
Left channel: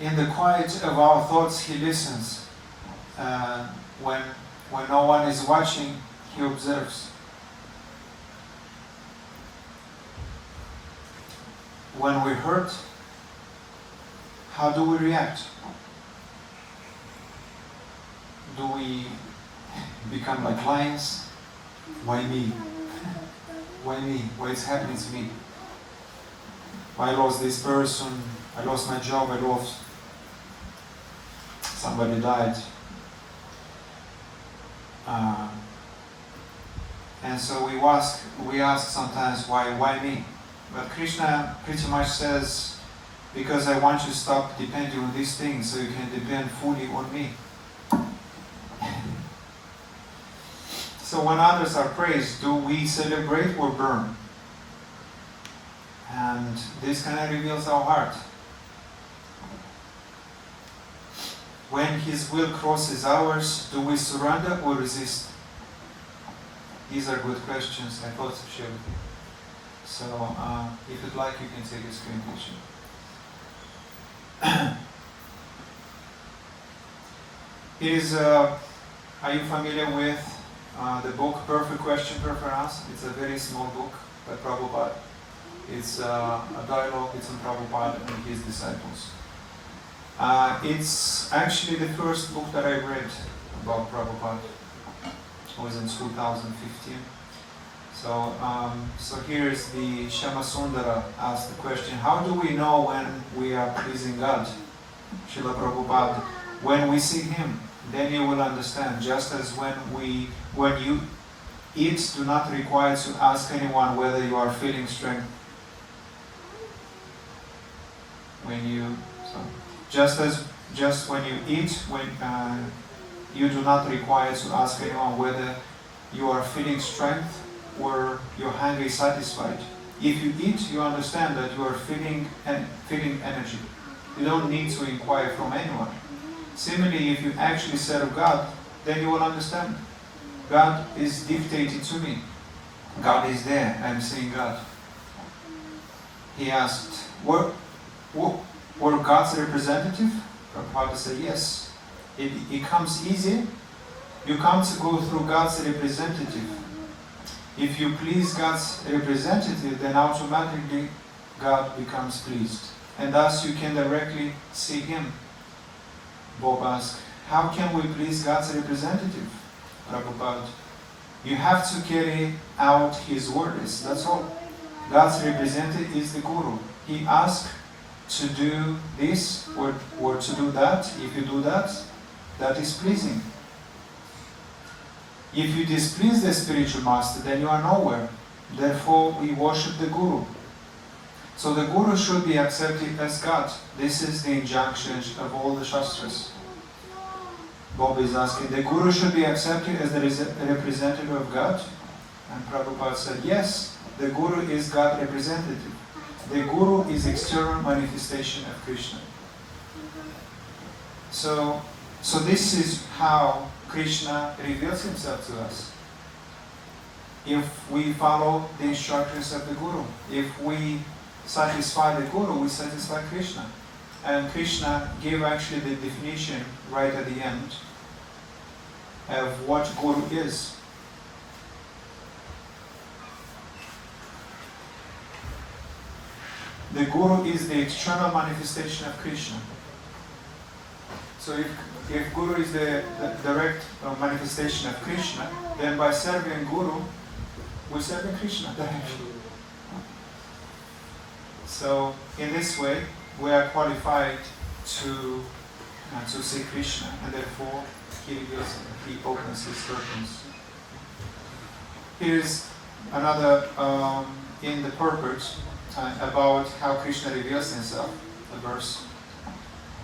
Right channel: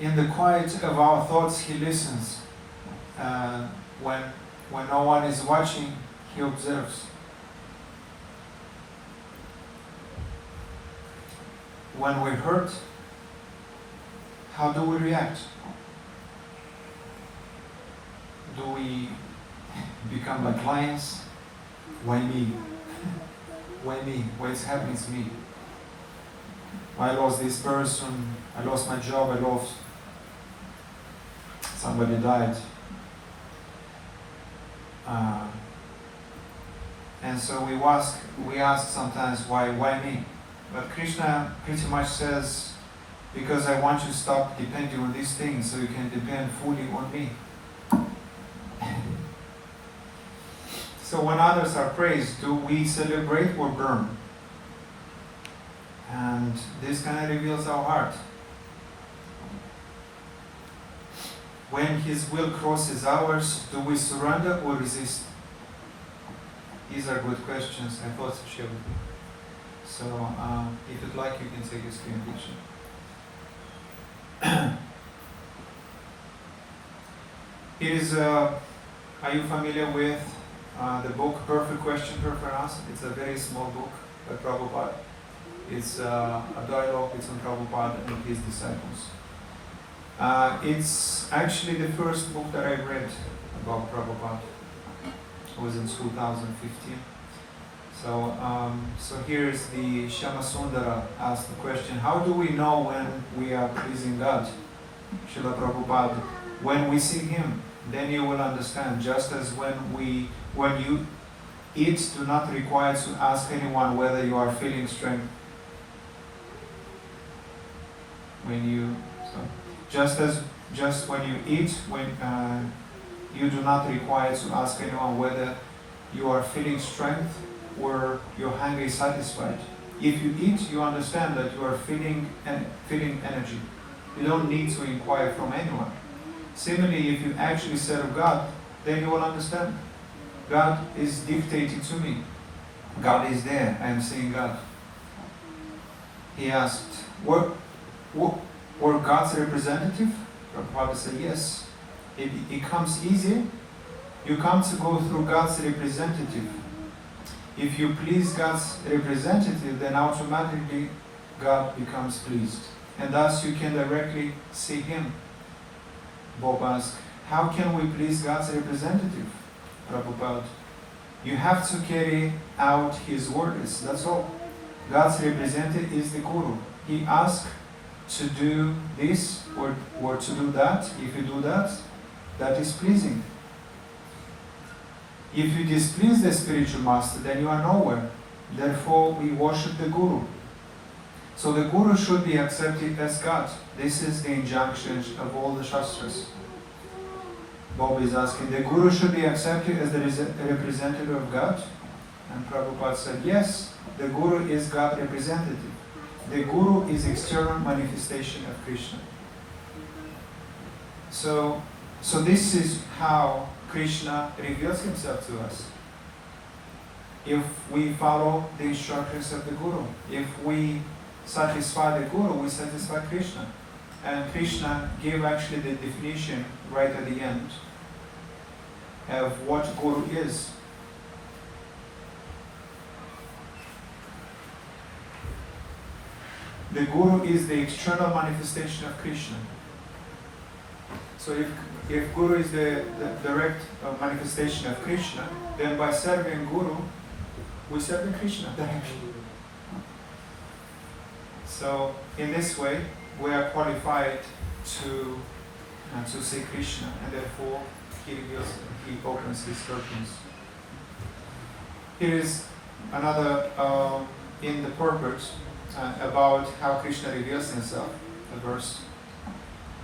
In the quiet of our thoughts, he listens. When no one is watching, he observes. When we're hurt, how do we react? Do we become like lions? Why me? Why me? Why it's happening to me? I lost this person, I lost my job, I lost somebody died. And so we ask sometimes, why me? But Krishna pretty much says, because I want you to stop depending on these things so you can depend fully on me. So when others are praised, do we celebrate or burn? And this kind of reveals our heart. When His will crosses ours, do we surrender or resist? These are good questions I thought to share with you. So, if you'd like, you can take a screen picture. Are you familiar with the book Perfect Question, Perfect Answer? It's a very small book by Prabhupada. It's a dialogue between Prabhupada and his disciples. It's actually the first book that I read about Prabhupada. It was in 2015. So here is the Shama Sundara asked the question, how do we know when we are pleasing God? Srila Prabhupada, when we see Him, then you will understand. Just as when you eat, do not require to ask anyone whether you are feeling strength. Just when you eat, you do not require to ask anyone whether you are feeling strength, or your hunger is satisfied. If you eat, you understand that you are feeling energy. You don't need to inquire from anyone. Similarly, if you actually serve God, then you will understand. God is dictating to me. God is there. I am seeing God. He asked, were God's representative? Prabhupada said, yes. It comes easy. You come to go through God's representative. If you please God's representative, then automatically God becomes pleased. And thus you can directly see Him. Bob asked, how can we please God's representative? Prabhupada, you have to carry out His words, that's all. God's representative is the Guru. He asks to do this or to do that. If you do that, that is pleasing. If you displease the spiritual master, then you are nowhere. Therefore, we worship the Guru. So the Guru should be accepted as God. This is the injunction of all the Shastras. Bob is asking, the Guru should be accepted as the representative of God? And Prabhupada said, yes, the Guru is God representative. The Guru is external manifestation of Krishna. So this is how Krishna reveals Himself to us. If we follow the instructions of the Guru, if we satisfy the Guru, we satisfy Krishna. And Krishna gave actually the definition right at the end of what Guru is. The Guru is the external manifestation of Krishna. So if Guru is the direct manifestation of Krishna, then by serving Guru, we serve Krishna directly. So in this way, we are qualified to see Krishna, and therefore He opens His curtains. Here is another in the purport about how Krishna reveals Himself, the verse.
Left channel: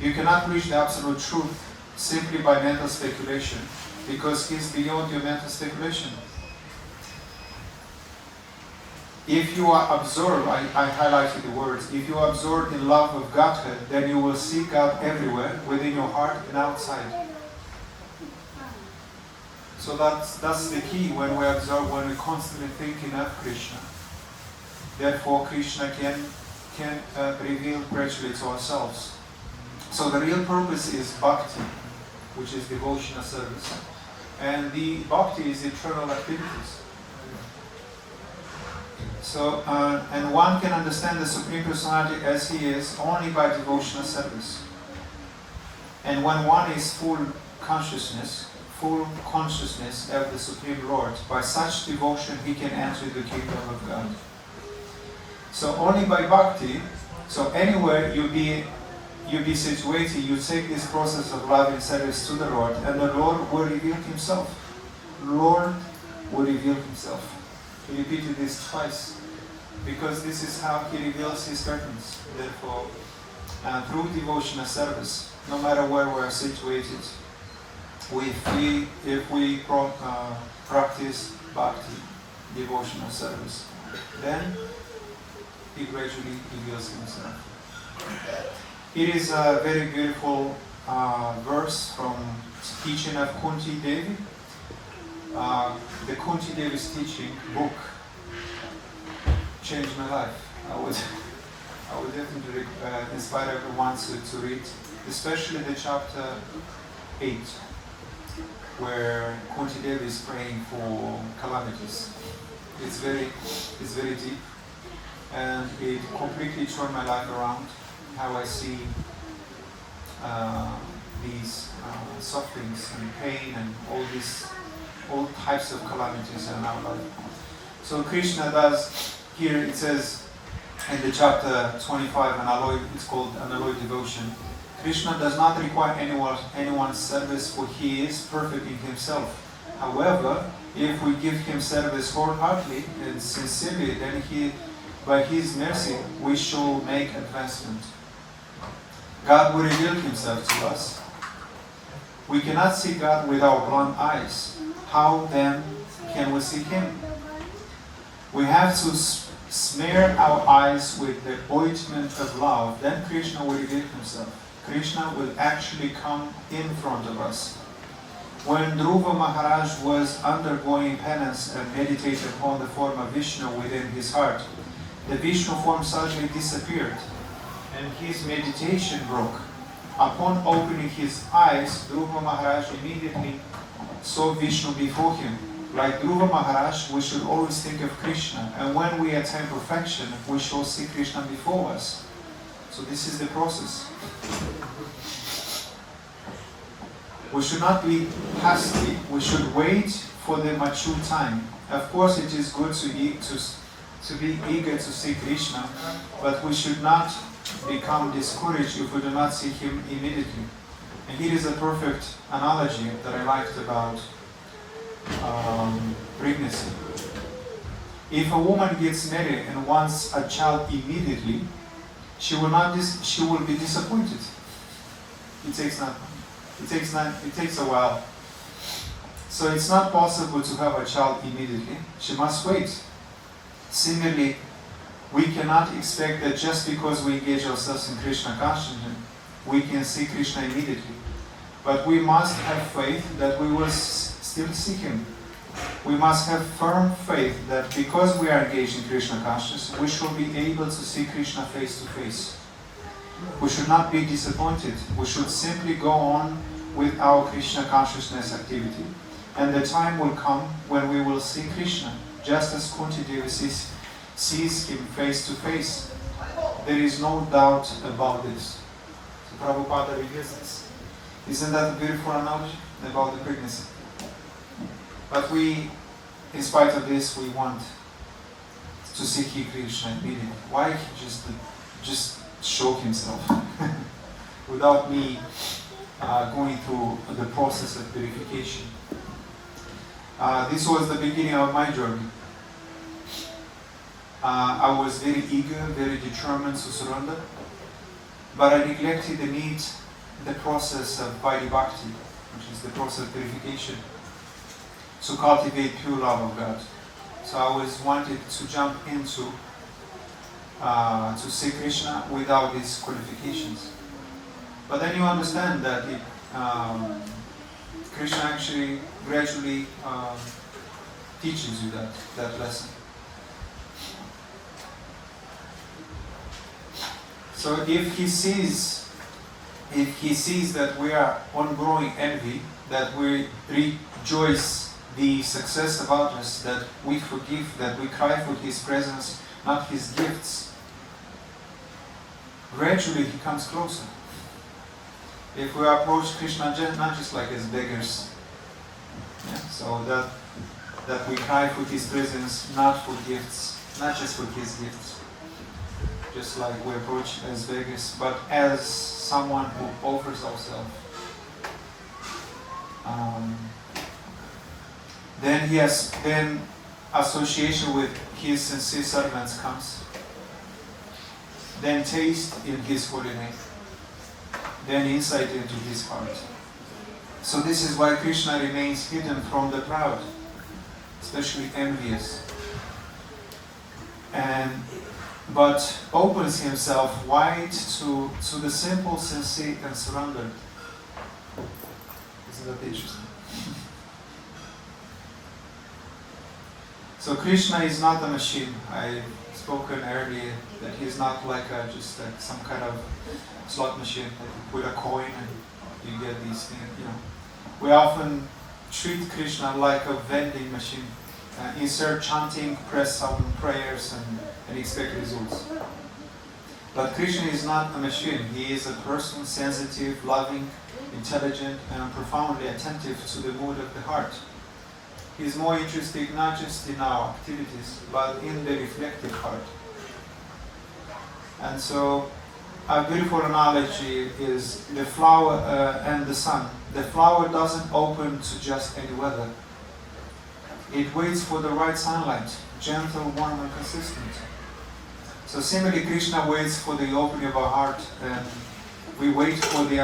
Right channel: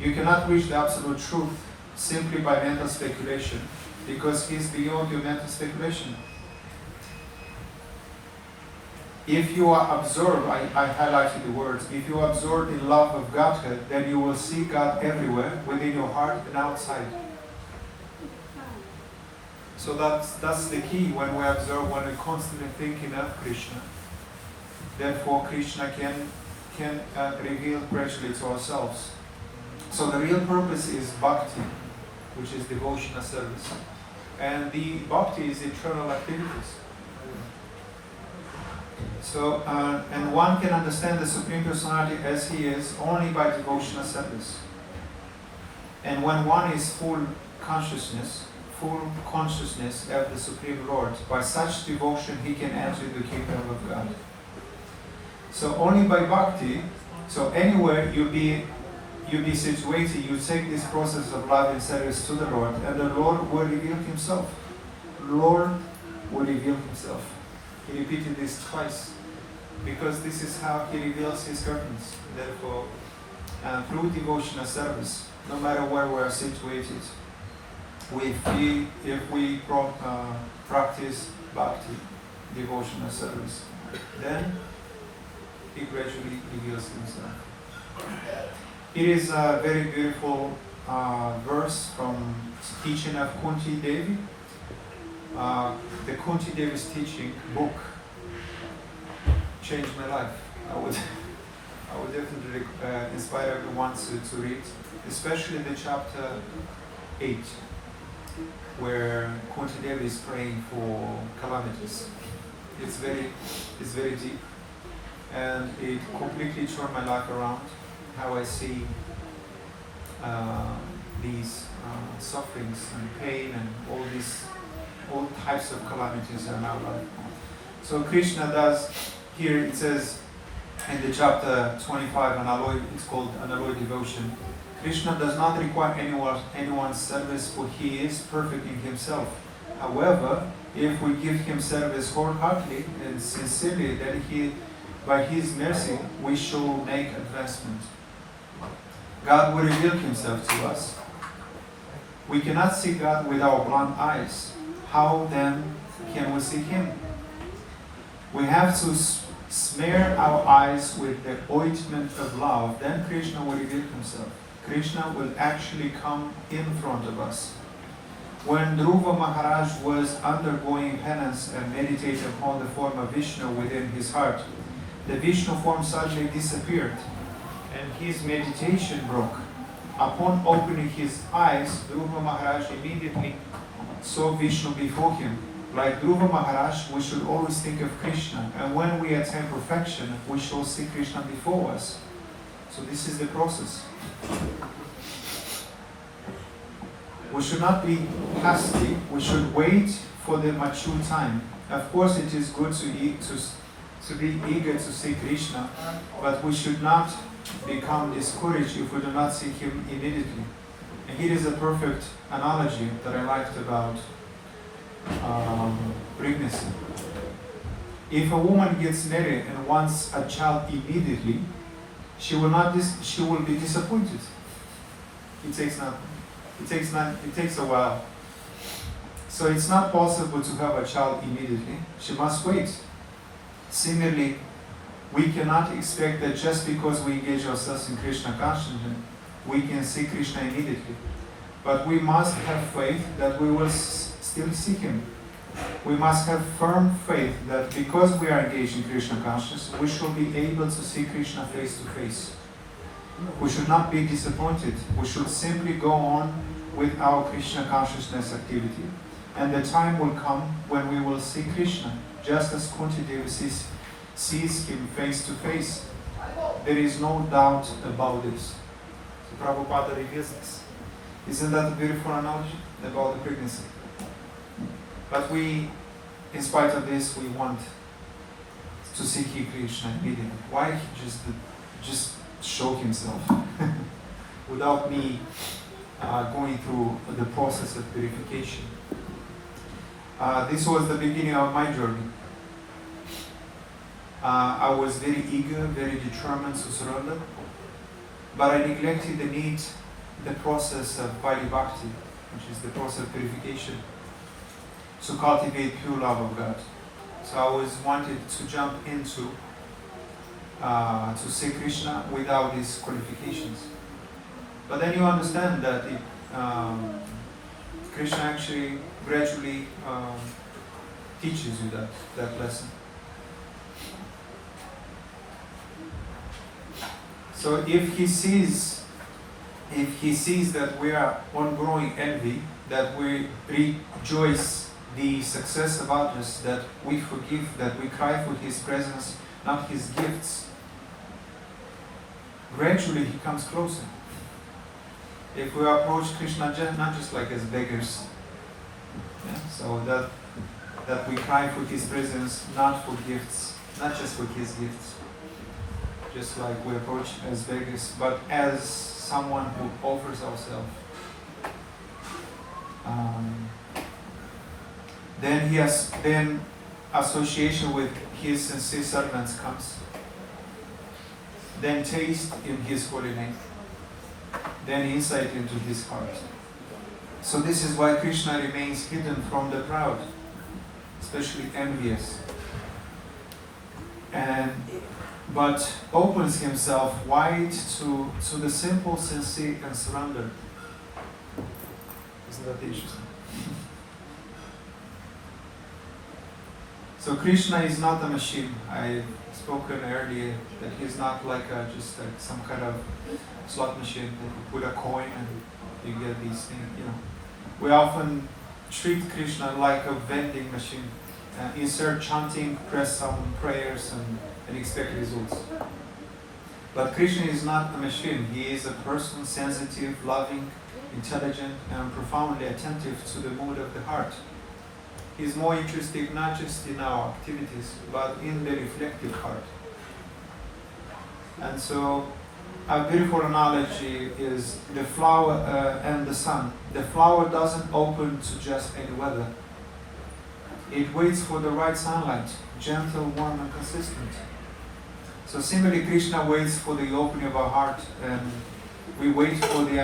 You cannot reach the absolute truth simply by mental speculation, because He is beyond your mental speculation. If you are absorbed, I highlighted the words, if you are absorbed in love of Godhead, then you will see God everywhere, within your heart and outside. So that's the key when we absorb, when we're constantly thinking of Krishna. Therefore, Krishna can reveal gradually to ourselves. So the real purpose is bhakti, which is devotional service. And the bhakti is eternal activities. So, and one can understand the Supreme Personality as He is only by devotional service. And when one is full consciousness of the Supreme Lord, by such devotion he can enter the kingdom of God. So only by bhakti, so anywhere you be situated, you take this process of love and service to the Lord, and the Lord will reveal Himself. Lord will reveal Himself. He repeated this twice, because this is how He reveals His curtains. Therefore, through devotional service, no matter where we are situated, if we practice bhakti, devotional service, then He gradually reveals Himself. It is a very beautiful verse from teaching of Kunti Devi. The Kunti Devi's teaching book changed my life. I would definitely inspire everyone to read, especially the chapter 8, where Kunti Devi is praying for calamities. It's very deep, and it completely turned my life around. How I see these sufferings and pain and all types of calamities in our life. So Krishna does, here it says in the chapter 25, it's called Unalloyed Devotion. Krishna does not require anyone's service, for He is perfect in Himself. However, if we give Him service wholeheartedly and sincerely, then by His mercy, we shall make advancement. God will reveal Himself to us. We cannot see God with our blind eyes. How then can we seek Him? We have to smear our eyes with the ointment of love. Then Krishna will reveal Himself. Krishna will actually come in front of us. When Dhruva Maharaj was undergoing penance and meditated upon the form of Vishnu within his heart, the Vishnu form suddenly disappeared and his meditation broke. Upon opening his eyes, Dhruva Maharaj immediately saw Vishnu before him. Like Dhruva Maharaj, we should always think of Krishna, and when we attain perfection, we shall see Krishna before us. So this is the process. We should not be hasty. We should wait for the mature time. Of course, it is good to be eager to see Krishna, but we should not become discouraged if we do not see Him immediately. And here is a perfect analogy that I liked about pregnancy. If a woman gets married and wants a child immediately, she will be disappointed. It takes a while. So it's not possible to have a child immediately. She must wait. Similarly, we cannot expect that just because we engage ourselves in Krishna consciousness, we can see Krishna immediately. But we must have faith that we will still see Him. We must have firm faith that because we are engaged in Krishna consciousness, we shall be able to see Krishna face to face. We should not be disappointed. We should simply go on with our Krishna consciousness activity. And the time will come when we will see Krishna, just as Kunti Devi sees Him face to face. There is no doubt about this. So Prabhupada reveals this. Isn't that a beautiful analogy about the pregnancy? But we, in spite of this, we want to see Krishna immediately. Why just show Himself without me going through the process of purification? This was the beginning of my journey. I was very eager, very determined to surrender, but I neglected the process of Vaidhi Bhakti, which is the process of purification, to cultivate pure love of God. So I always wanted to jump into to see Krishna without these qualifications. But then you understand that Krishna actually gradually teaches you that lesson. So if he sees that we are on growing envy, that we rejoice the success of others, that we forgive, that we cry for His presence, not His gifts, gradually He comes closer. If we approach Krishna not just like as beggars, so that we cry for His presence, not for gifts, not just for His gifts, just like we approach as beggars, but as someone who offers ourselves. Then association with His sincere servants comes. Then taste in His holy name. Then insight into His heart. So this is why Krishna remains hidden from the proud, especially envious, but opens Himself wide to the simple, sincere, and surrendered. Isn't that interesting? So Krishna is not a machine. I've spoken earlier that He's not like just some kind of slot machine. You put a coin and you get these things. We often treat Krishna like a vending machine. Insert chanting, press some prayers, and expect results. But Krishna is not a machine. He is a person, sensitive, loving, intelligent, and profoundly attentive to the mood of the heart. He is more interested not just in our activities, but in the reflective heart. And so, a beautiful analogy is the flower and the sun. The flower doesn't open to just any weather. It waits for the right sunlight, gentle, warm, and consistent. So similarly, Krishna waits for the opening of our heart, and we wait for the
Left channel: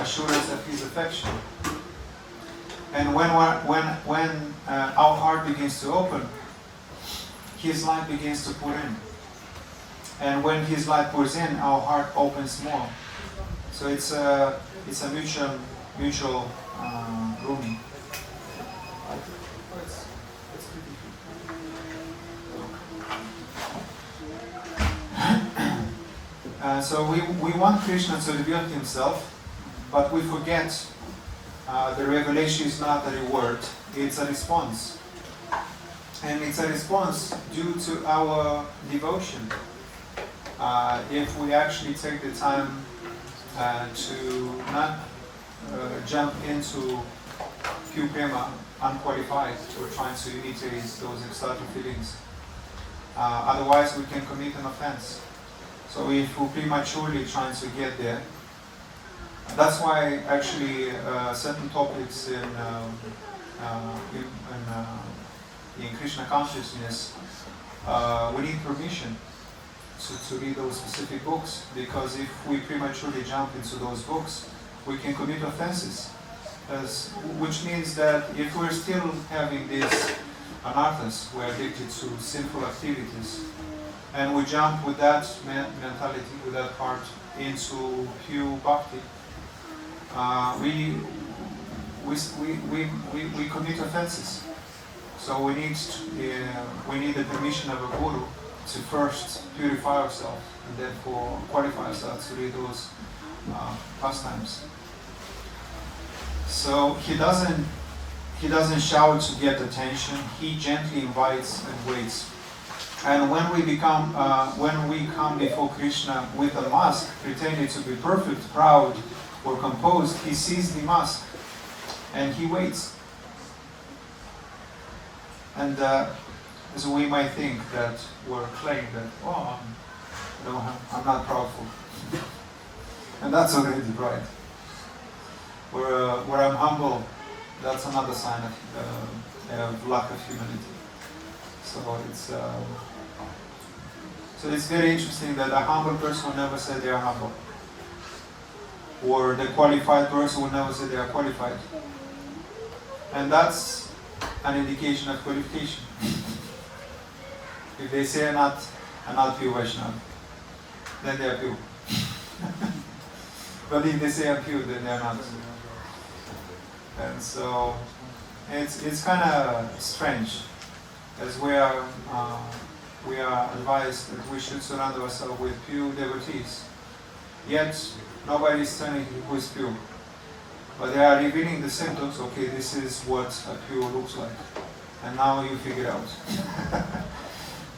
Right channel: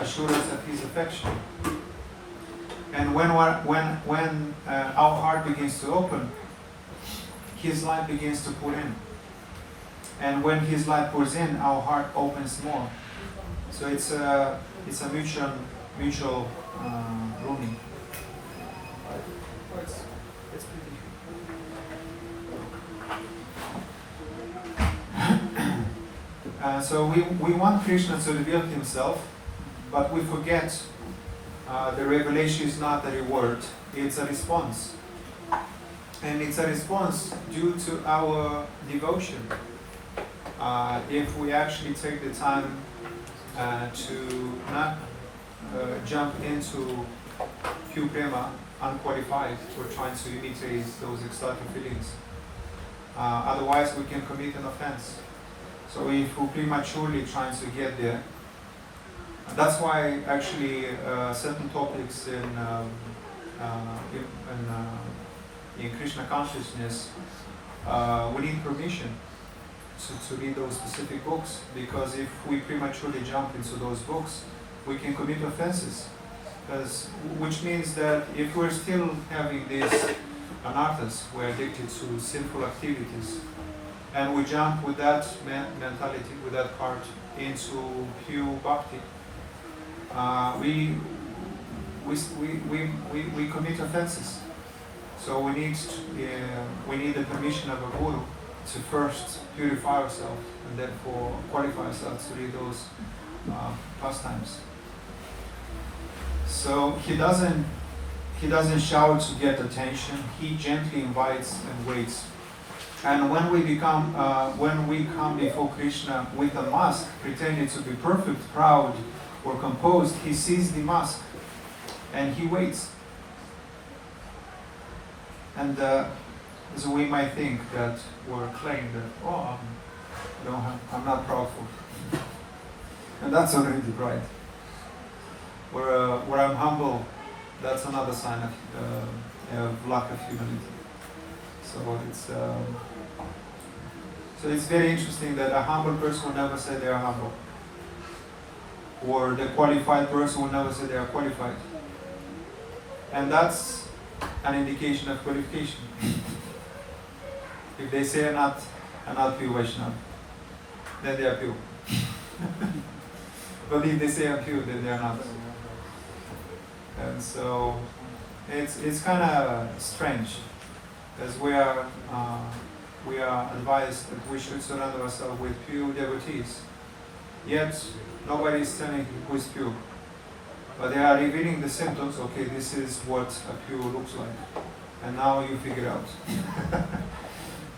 assurance of His affection. And when our heart begins to open, His light begins to pour in. And when His light pours in, our heart opens more. So it's a mutual rooming. It's pretty good. So we want Krishna to reveal Himself, but we forget the revelation is not a reward, it's a response. And it's a response due to our devotion. If we actually take the time to not jump into pure prema unqualified or trying to imitate those ecstatic feelings. Otherwise we can commit an offense. So if we're prematurely trying to get there, that's why actually certain topics in Krishna consciousness, we need permission to read those specific books, because if we prematurely jump into those books, we can commit offenses. Which means that if we're still having these anarthas, we're addicted to sinful activities, and we jump with that mentality, with that heart, into pure bhakti, we commit offenses. So we need the permission of a guru to first purify ourselves and therefore qualify ourselves to read those pastimes. So he doesn't shout to get attention. He gently invites and waits. And when we come before Krishna with a mask, pretending to be perfect, proud, or composed, he sees the mask and he waits. And so we might think that we're claiming that, oh, I'm not proudful. And that's already pride. Where I'm humble, that's another sign of lack of humility. So it's very interesting that a humble person will never say they are humble, or the qualified person will never say they are qualified, and that's an indication of qualification. If they say I'm not pure Vaishnava, then they are pure. But if they say I'm pure, then they are not. And so it's kind of strange, as we are advised that we should surround ourselves with pure devotees. Yet nobody is telling you who is pure, but they are revealing the symptoms. Okay, this is what a pure looks like, and now you figure out.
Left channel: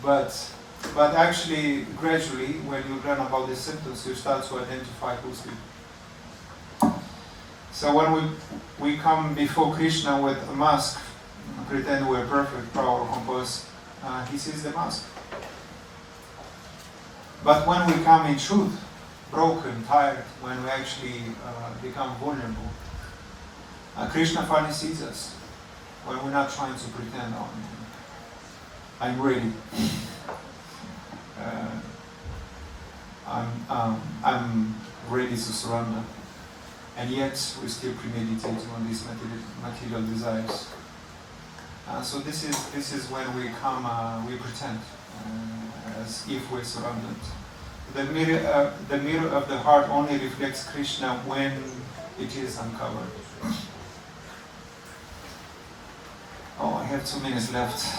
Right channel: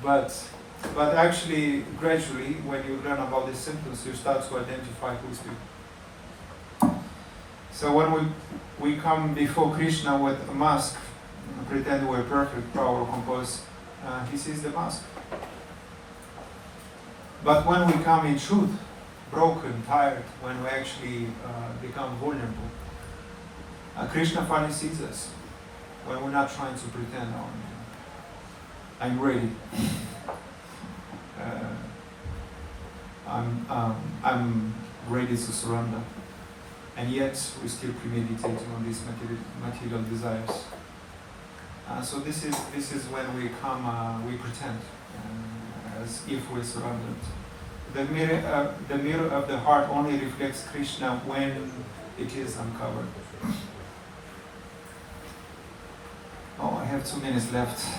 But actually, gradually, when you learn about these symptoms, you start to identify who is pure. So when we come before Krishna with a mask, pretend we're perfect, proud, or composed, he sees the mask. But when we come in truth, broken, tired, when we actually become vulnerable, Krishna finally sees us. When we're not trying to pretend, oh, I'm ready. I'm ready to surrender. And yet we still premeditate on these material desires. So this is when we come, we pretend as if we're surrendered. The mirror of the heart only reflects Krishna when it is uncovered. Oh, I have 2 minutes left.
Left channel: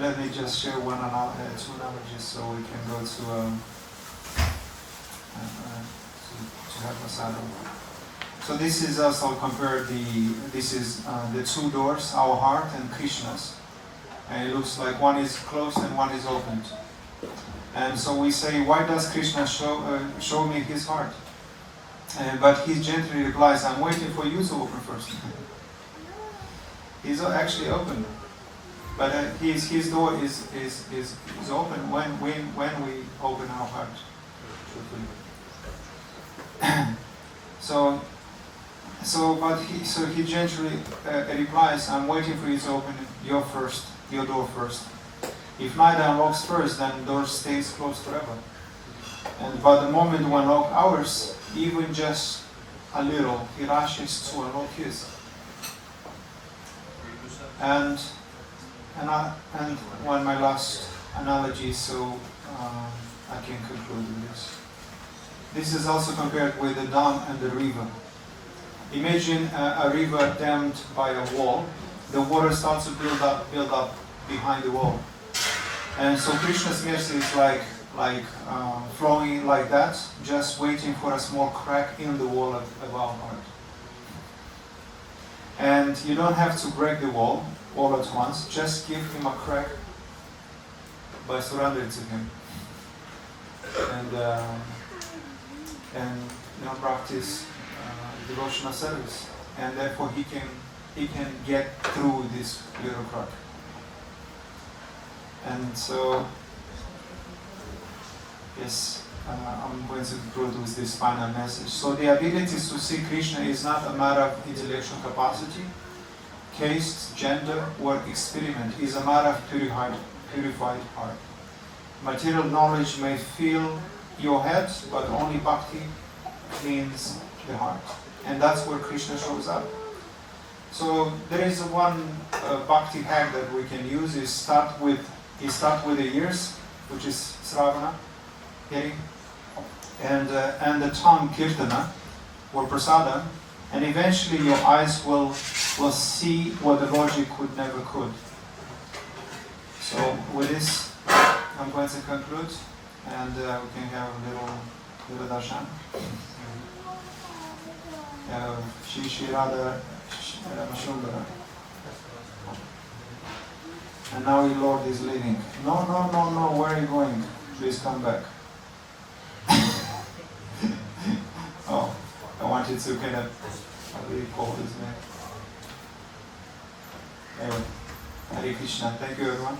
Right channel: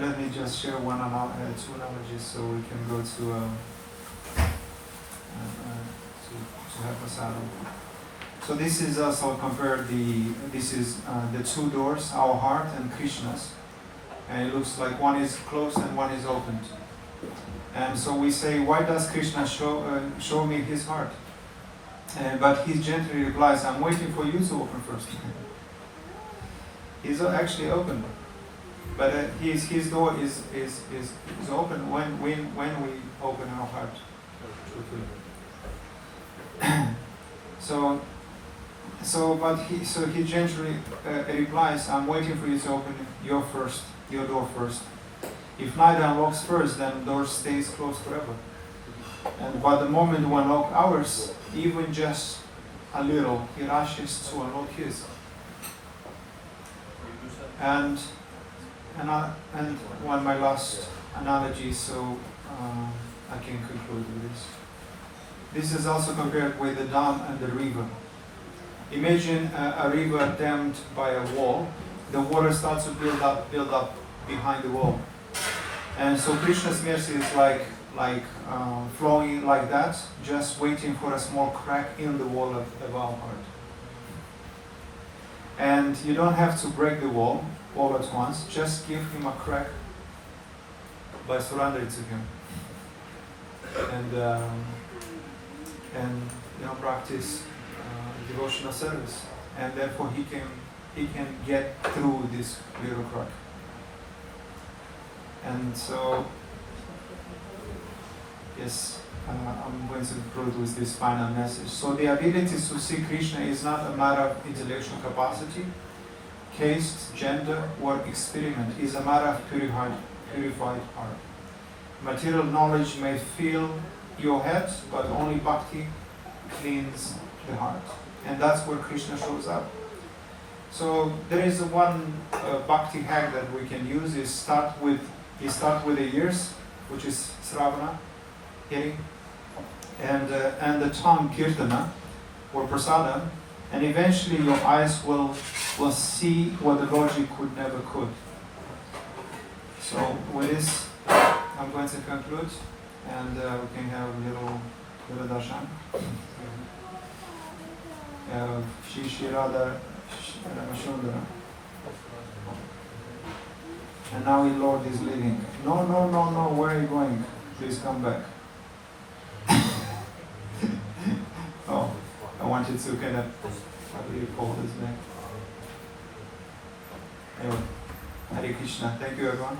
Let me just share two analogies so we can go to have a saddle. So this is also compare the two doors, our heart and Krishna's, and it looks like one is closed and one is opened. And so we say, why does Krishna show me his heart? But he gently replies, I'm waiting for you to open first. He's actually open. But his door is open when we open our heart. So he gently replies, I'm waiting for you to open your door first. If neither unlocks first, then the door stays closed forever. And but the moment one of ours, even just a little, he rushes to an old kiss. And one my last analogy, so I can conclude with this. This is also compared with the dam and the river. Imagine a river dammed by a wall. The water starts to build up behind the wall. And so Krishna's mercy is like flowing like that, just waiting for a small crack in the wall of our heart. And you don't have to break the wall all at once, just give him a crack by surrendering to him. And practice devotional service, and therefore he can get through this little crack. And so, yes, I'm going to conclude with this final message. So the ability to see Krishna is not a matter of intellectual capacity, caste, gender, or experiment. It is a matter of purified heart. Material knowledge may fill your head, but only bhakti cleans the heart. And that's where Krishna shows up. So there is one bhakti hack that we can use. Is start with the ears, which is Sravana, hearing, and the tongue, Kirtana, or Prasada, and eventually your eyes will see what the logic never could. So with this, I'm going to conclude, and we can have a little darshan. Shri Radha Ramashundara. And now the Lord is leading. No, where are you going? Please come back. Oh, I wanted to kind of, how do you call his name? Hare Krishna. Thank you, everyone.